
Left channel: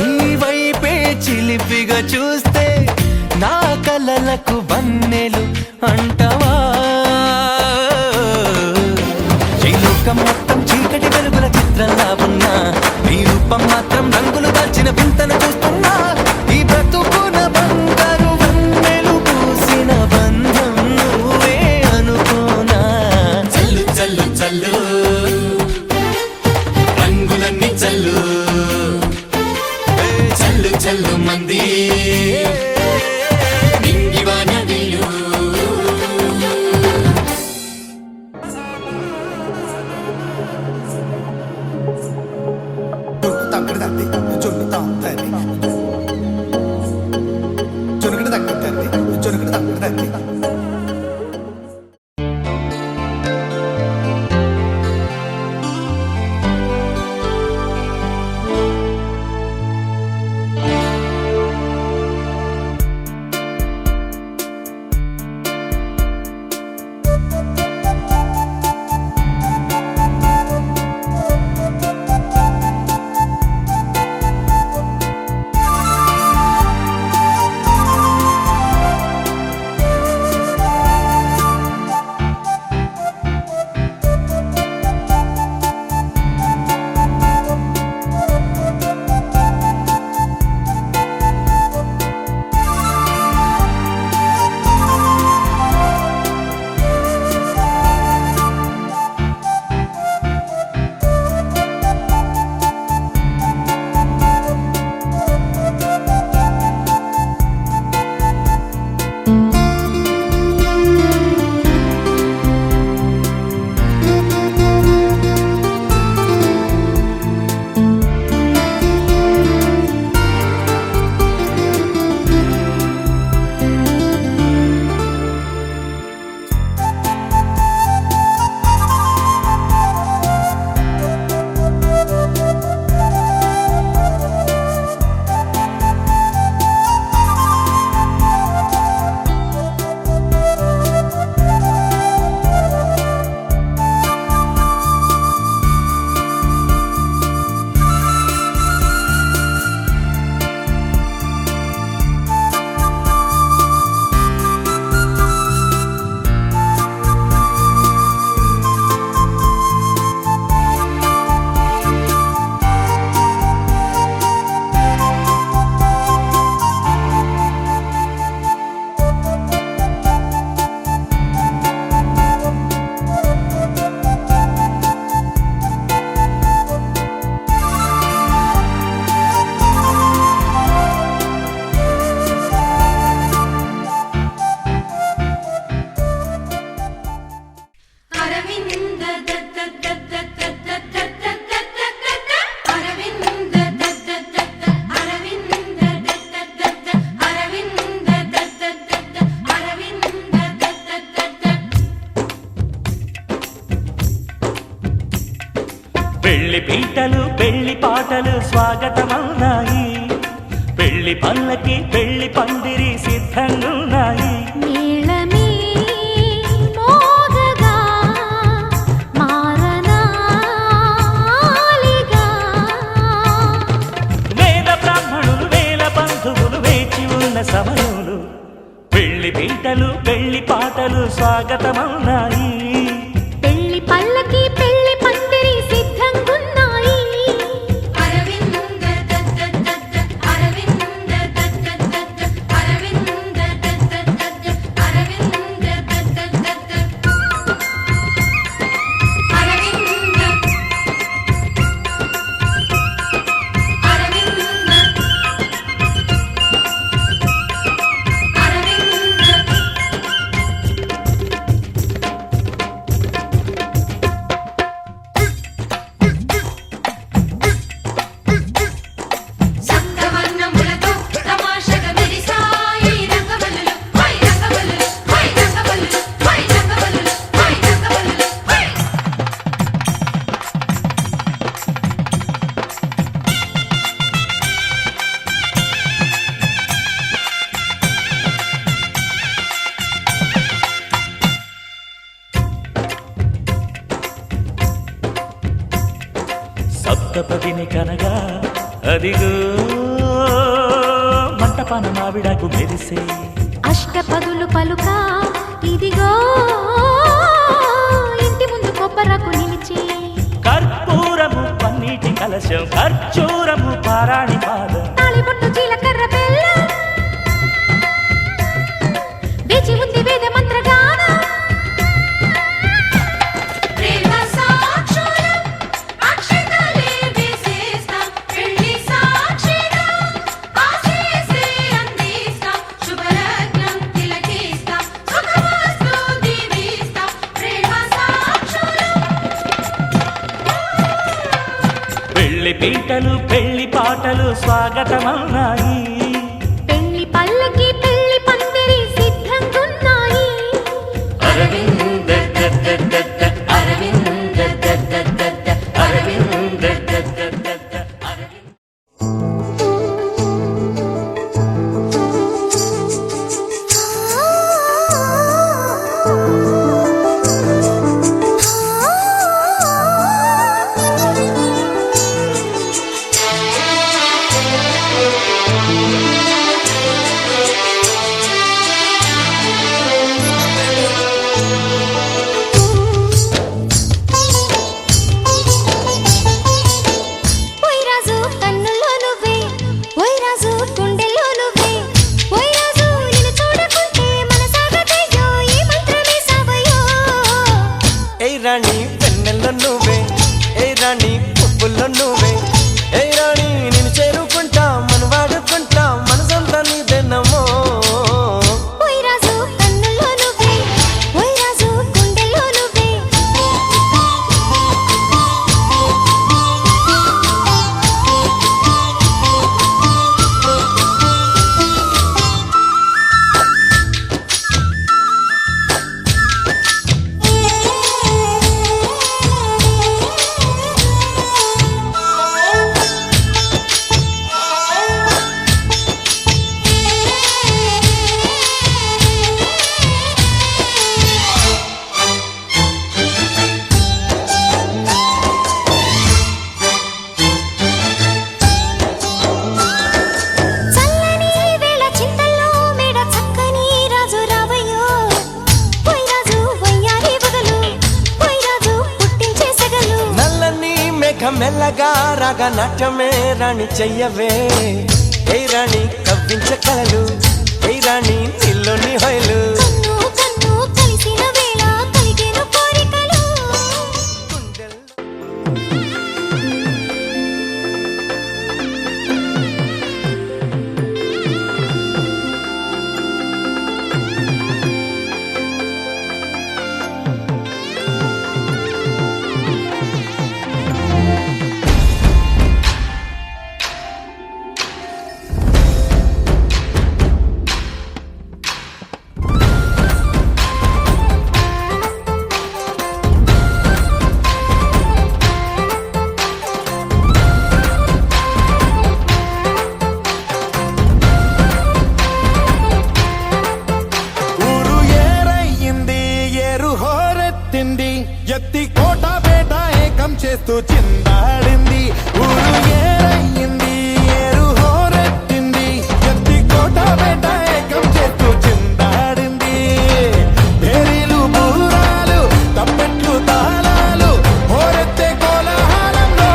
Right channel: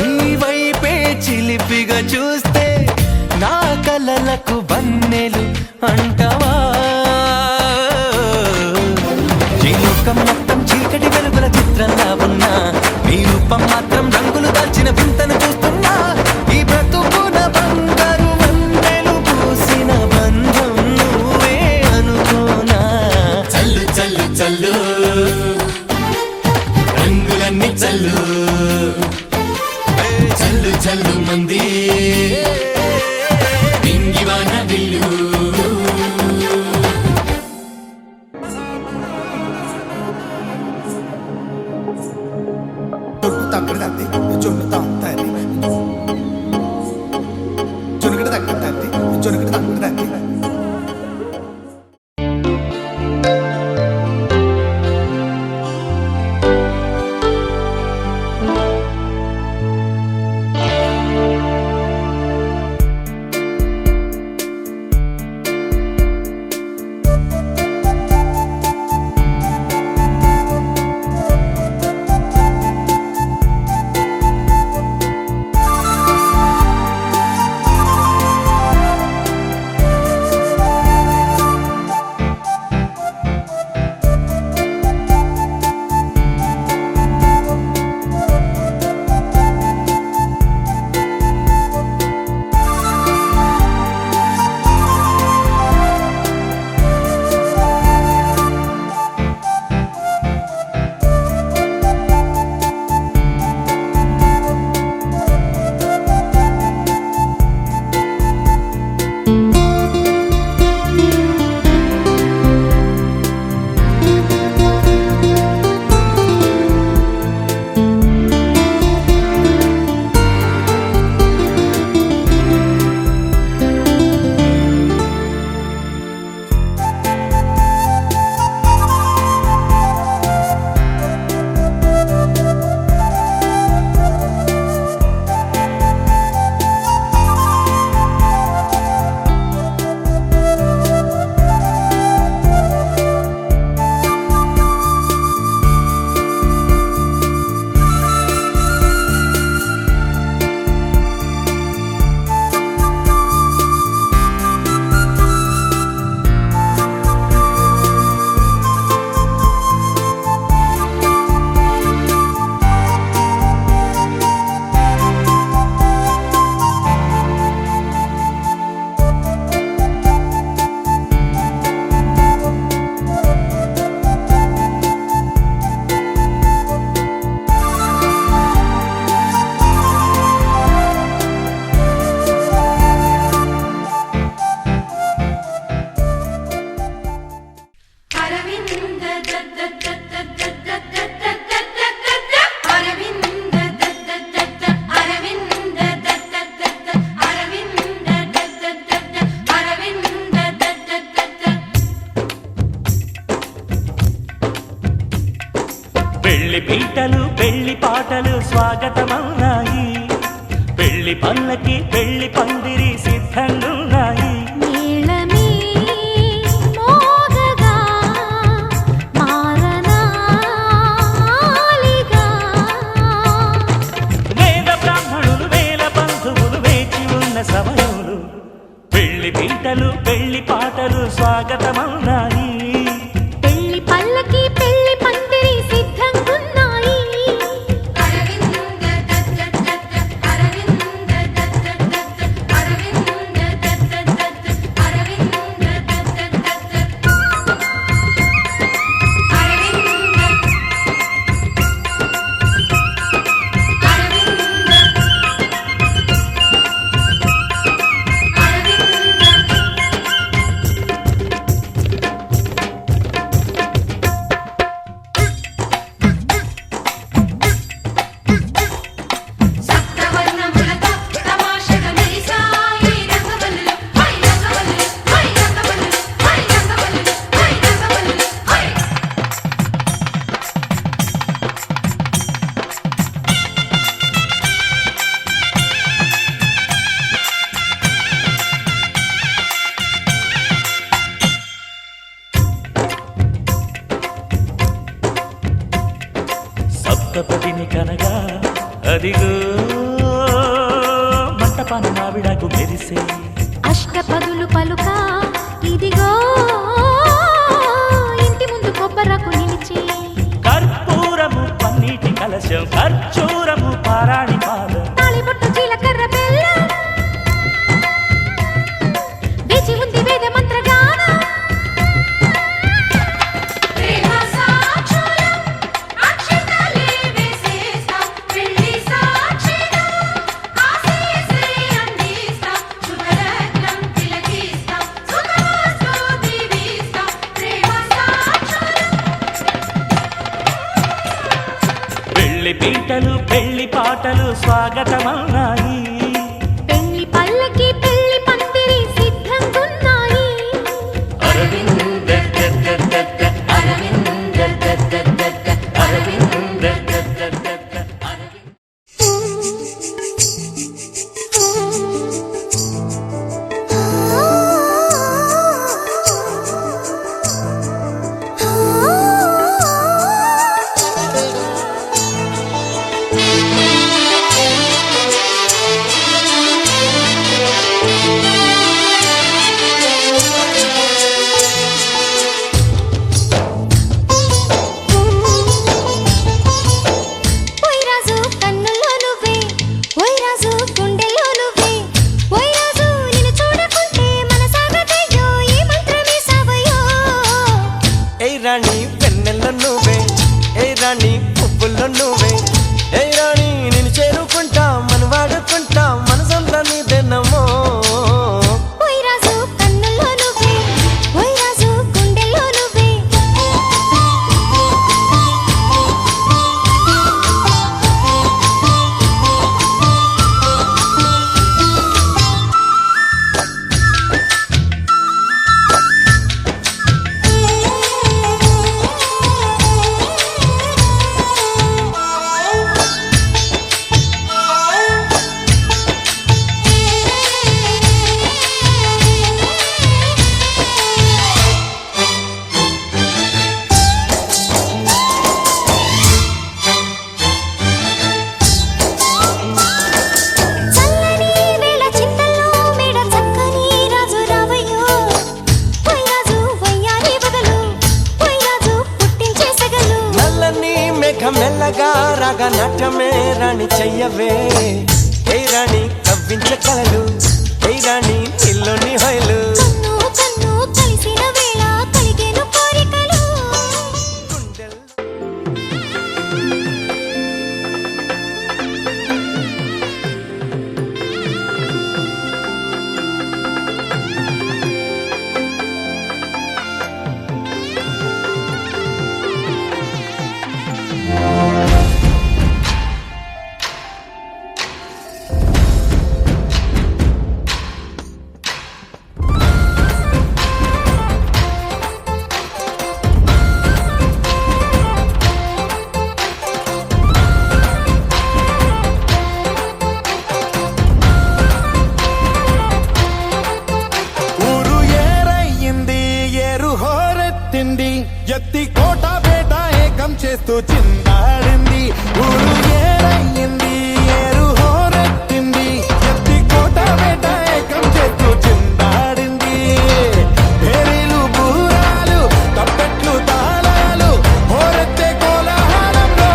నీ వైపే చిలిపిగా చూస్తే నా కలలకు బన్నెలు అంటవా ఈ లోకం మొత్తం చీకటి వెలుగుల చిత్రంలా ఉన్నా నీ రూపం మాత్రం రంగులు దాల్చిన వింతను చూస్తున్నా ఈ బ్రతుకున బంగారు వన్నెలు పూసిన బంధం నువ్వే అనుకోనా చల్లు చల్లు చల్లు రంగులన్నీ చల్లు చల్లు చల్లు మంది నింగివాన విల్లు జొన్ను తక్కడ తంది జొన్ను తాంతది జొనుకడ తక్కడ తంది జొనుకడ తక్కడ తంది పెళ్లి పీటలు పెళ్లి పాటలు స్వాగతమవునాయి, పెళ్లి పల్లకి పెళ్లి పందిరి సిద్ధంగున్నాయి. నీళమే మోగగా మారనాలిగా, వేద బ్రాహ్మణులు వేల బంధువులు వేచి ఉన్న సమయంలో పెళ్లి పీటలు పెళ్లి పాటలు స్వాగతమవునాయి. పెళ్లి పల్లకి పెళ్లి పందిరి సిద్ధంగున్నాయి. సప్తపదిని కనగా అదిగో మంటపాన మావిడాకు మెరిసే, అష్టపదులు పలుక ఇదిగో ఇంటి ముందు కొబ్బరకు నిలిచి, కర్పూరము పన్నీటి కలశం ఖర్చూరము పారాణి పాదం, తాళిబొట్టు జీలకర్ర బెల్లం, వేచి ఉంది వేద మంత్రగానం. పెళ్లి పీటలు పెళ్లి పాటలు స్వాగతమవునాయి. పెళ్లి పల్లకి పెళ్లి పందిరి సిద్ధంగున్నాయి. అరవింద అరవింద అరవింద రాణి వెన్నెల్లో నువ్వే, ఏ రాణి పువ్వుల్లో నువ్వే, ఏ రాణి నేను చేరుకుంటా మన వాడుకుంటా మనసంతా నీదేనమ్మో. మెల్లగా రాగా నాట్యమే రాణి చెయ్యవే, ఏ రాణి కవ్వించ కలలు, ఏ రాణి నీలోని హొయలు. కలిసిన వేళ కలిగేను కోరికలు. చిందాడింది ఊరు ఏరయ్యింది ఏరు హోరెత్తింది ఎత్తి కోట బేట ఏకం చేస్తూ చిందాడింది పేరీలు బూరాలు తప్పెట్లు తాళాలు హోరెత్తే కోలాహలంలో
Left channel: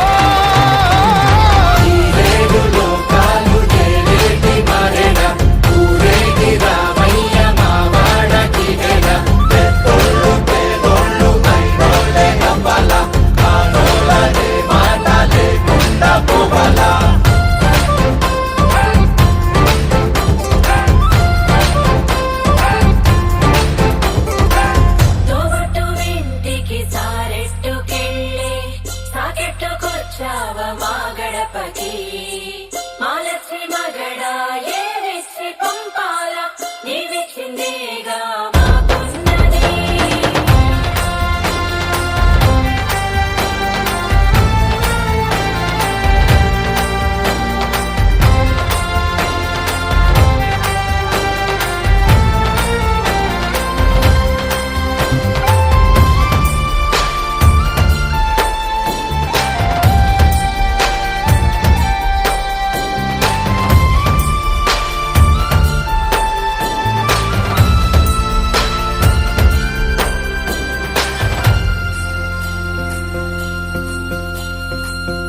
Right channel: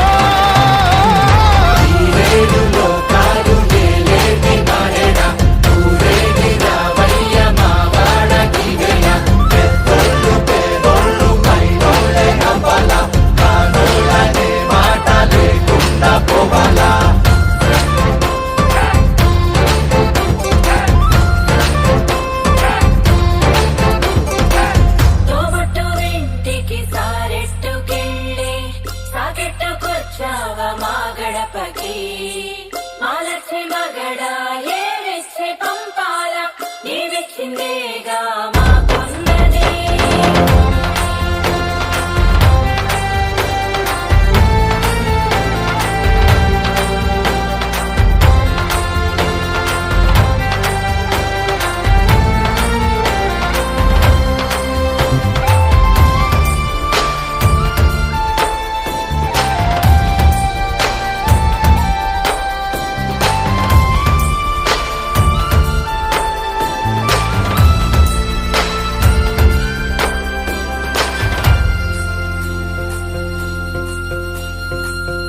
తోబట్టు ఇంటికి సారెట్టుకెళ్ళి సాకెట్టుకొచ్చావ మా గడపకి మాలచ్చి మగడ ఏరిస్తే పంపాల నీవిచ్చిందేగా మాకున్నది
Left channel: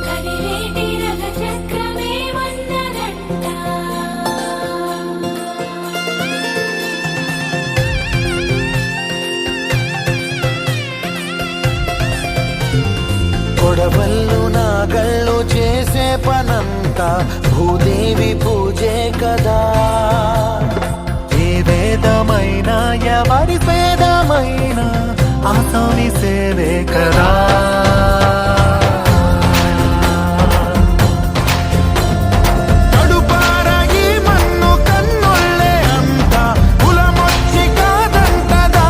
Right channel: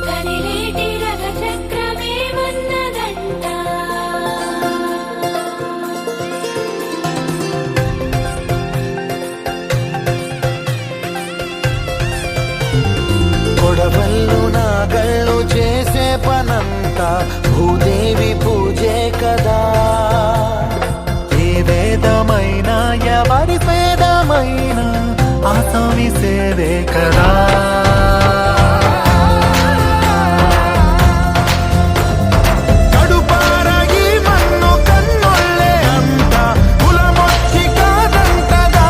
కదిలేటి రథ చక్రమేమన్నదంట కొడవళ్ళు నాగళ్ళు చేసే పనంతా భూదేవి పూజే కదా ఏ వేదమైనా ఎవరి వేదమైనా ఆసామి సేవే కదా కడుపారా ఈ మన్ను కన్నుళ్ళే అంతా కులమొచ్చి కాదంటదా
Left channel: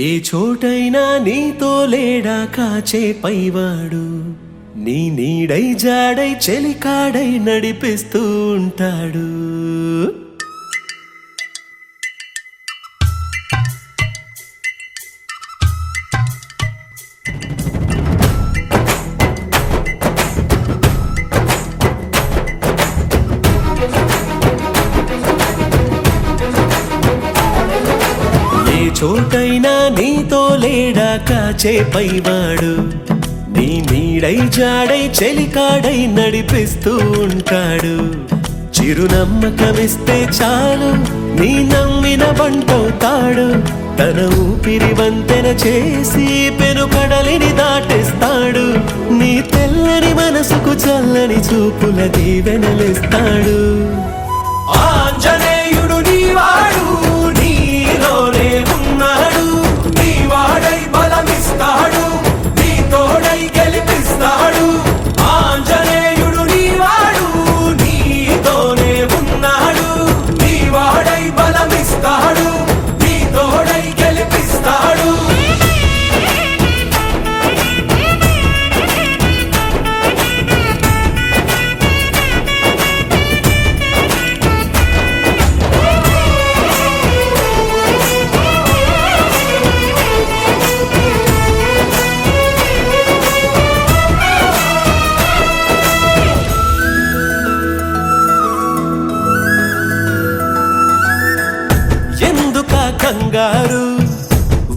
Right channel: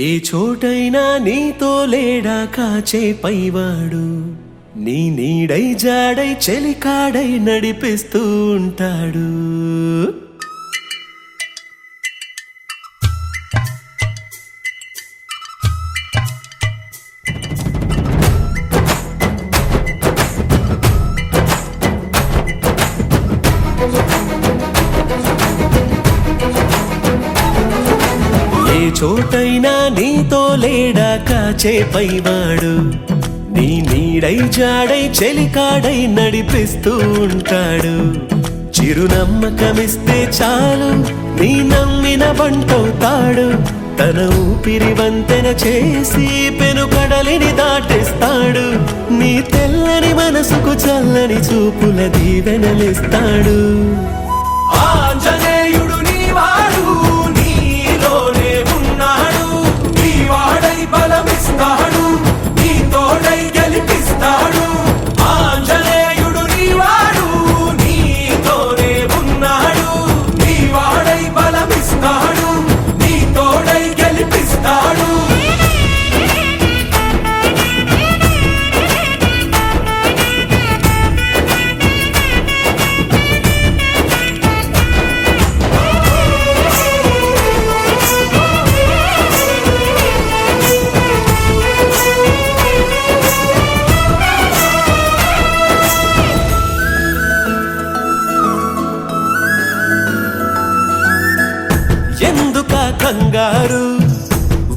ఏ చోటైనా నీతో లేడా కాచే పైవాడు నీ నీడై జాడై చెలికాడై నడిపిస్తూ ఉంటాడు ఏ చోటైనా నీతో లేడా కాచే పైవాడు నీ నీడై జాడై చెలికాడై నడిపిస్తూ ఉంటాడు చిరునమ్మకమిస్తే చాలు నీ నమ్మిన బంటవుతాడు తన ఊపిరి వంతెన చేసి పెను కడలిని దాటిస్తాడు నీ తెల్లని మనసుకు చల్లని చూపుల దీవెనలిస్తాడు ఆంజనేయుడు నీవాడు నీలోనే ఉన్నాడు నీవాడై బలమిస్తాడు నీ తోడై గెలిపిస్తాడు ఆంజనేయుడు నీవాడు నీతోనే ఉన్నాడు నీవాడై బలమిస్తాడు నీ తోడై గెలిపిస్తాడు కంగారు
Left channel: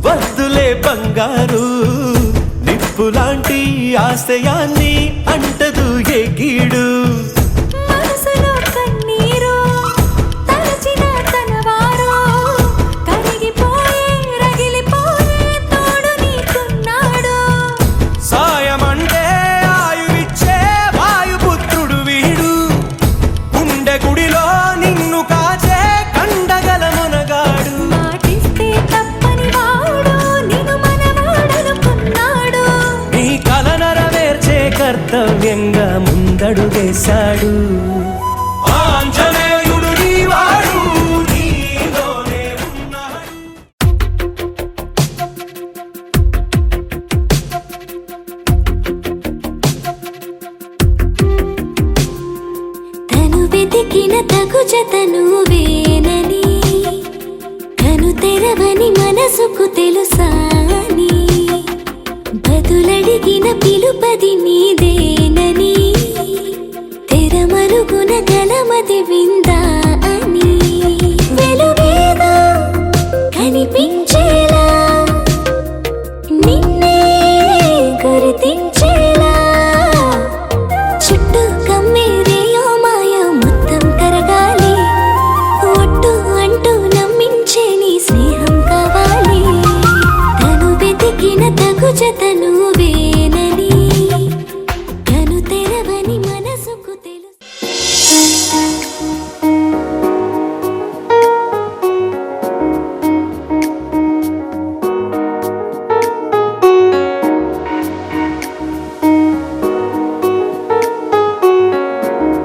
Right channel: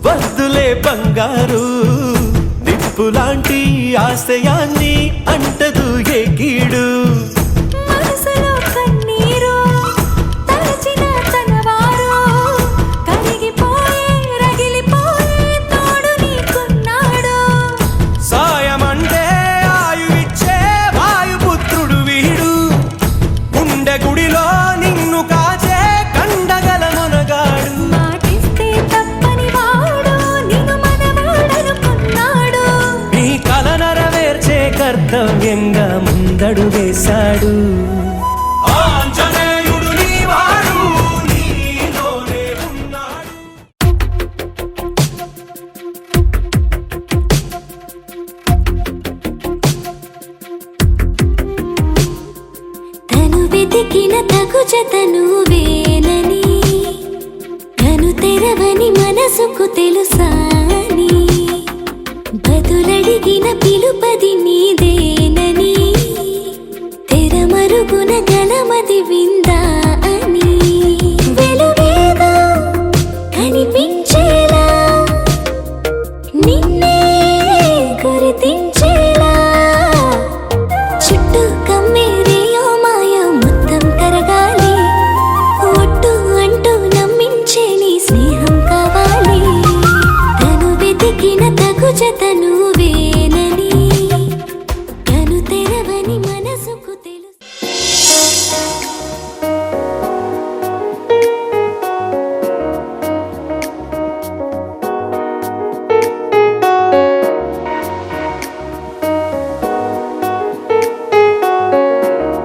వద్దులే బంగారు నిప్పులాంటి ఆశయాన్ని అంటదు ఏ గీడు మనసులో కన్నీరు తలచిన తనవారు కరిగిపోయే రగిలిపోయే తోడు నీకున్నాడు సాయమంటే ఆయువిచ్చే వాయుపుత్రుడు వీడు గుండె గుడిలో నిన్ను కాచే కండగల మునగాడు మాటిస్తే తప్పని వాడు నిన్ను మనవాడనుకున్నాడు నీ కల నెరవేర్చే కర్తవ్యంగా ముందడుగేశాడు ఆంజనేయుడు నీవాడు, నీలోనే ఉన్నాడు. తను వెతికిన తగు జతను వేనని కను తెరవని మనసుకు తెలుసాని బదులడిగిన పిలుపది నీదేనని తెరమరుగున గలమది విందా అని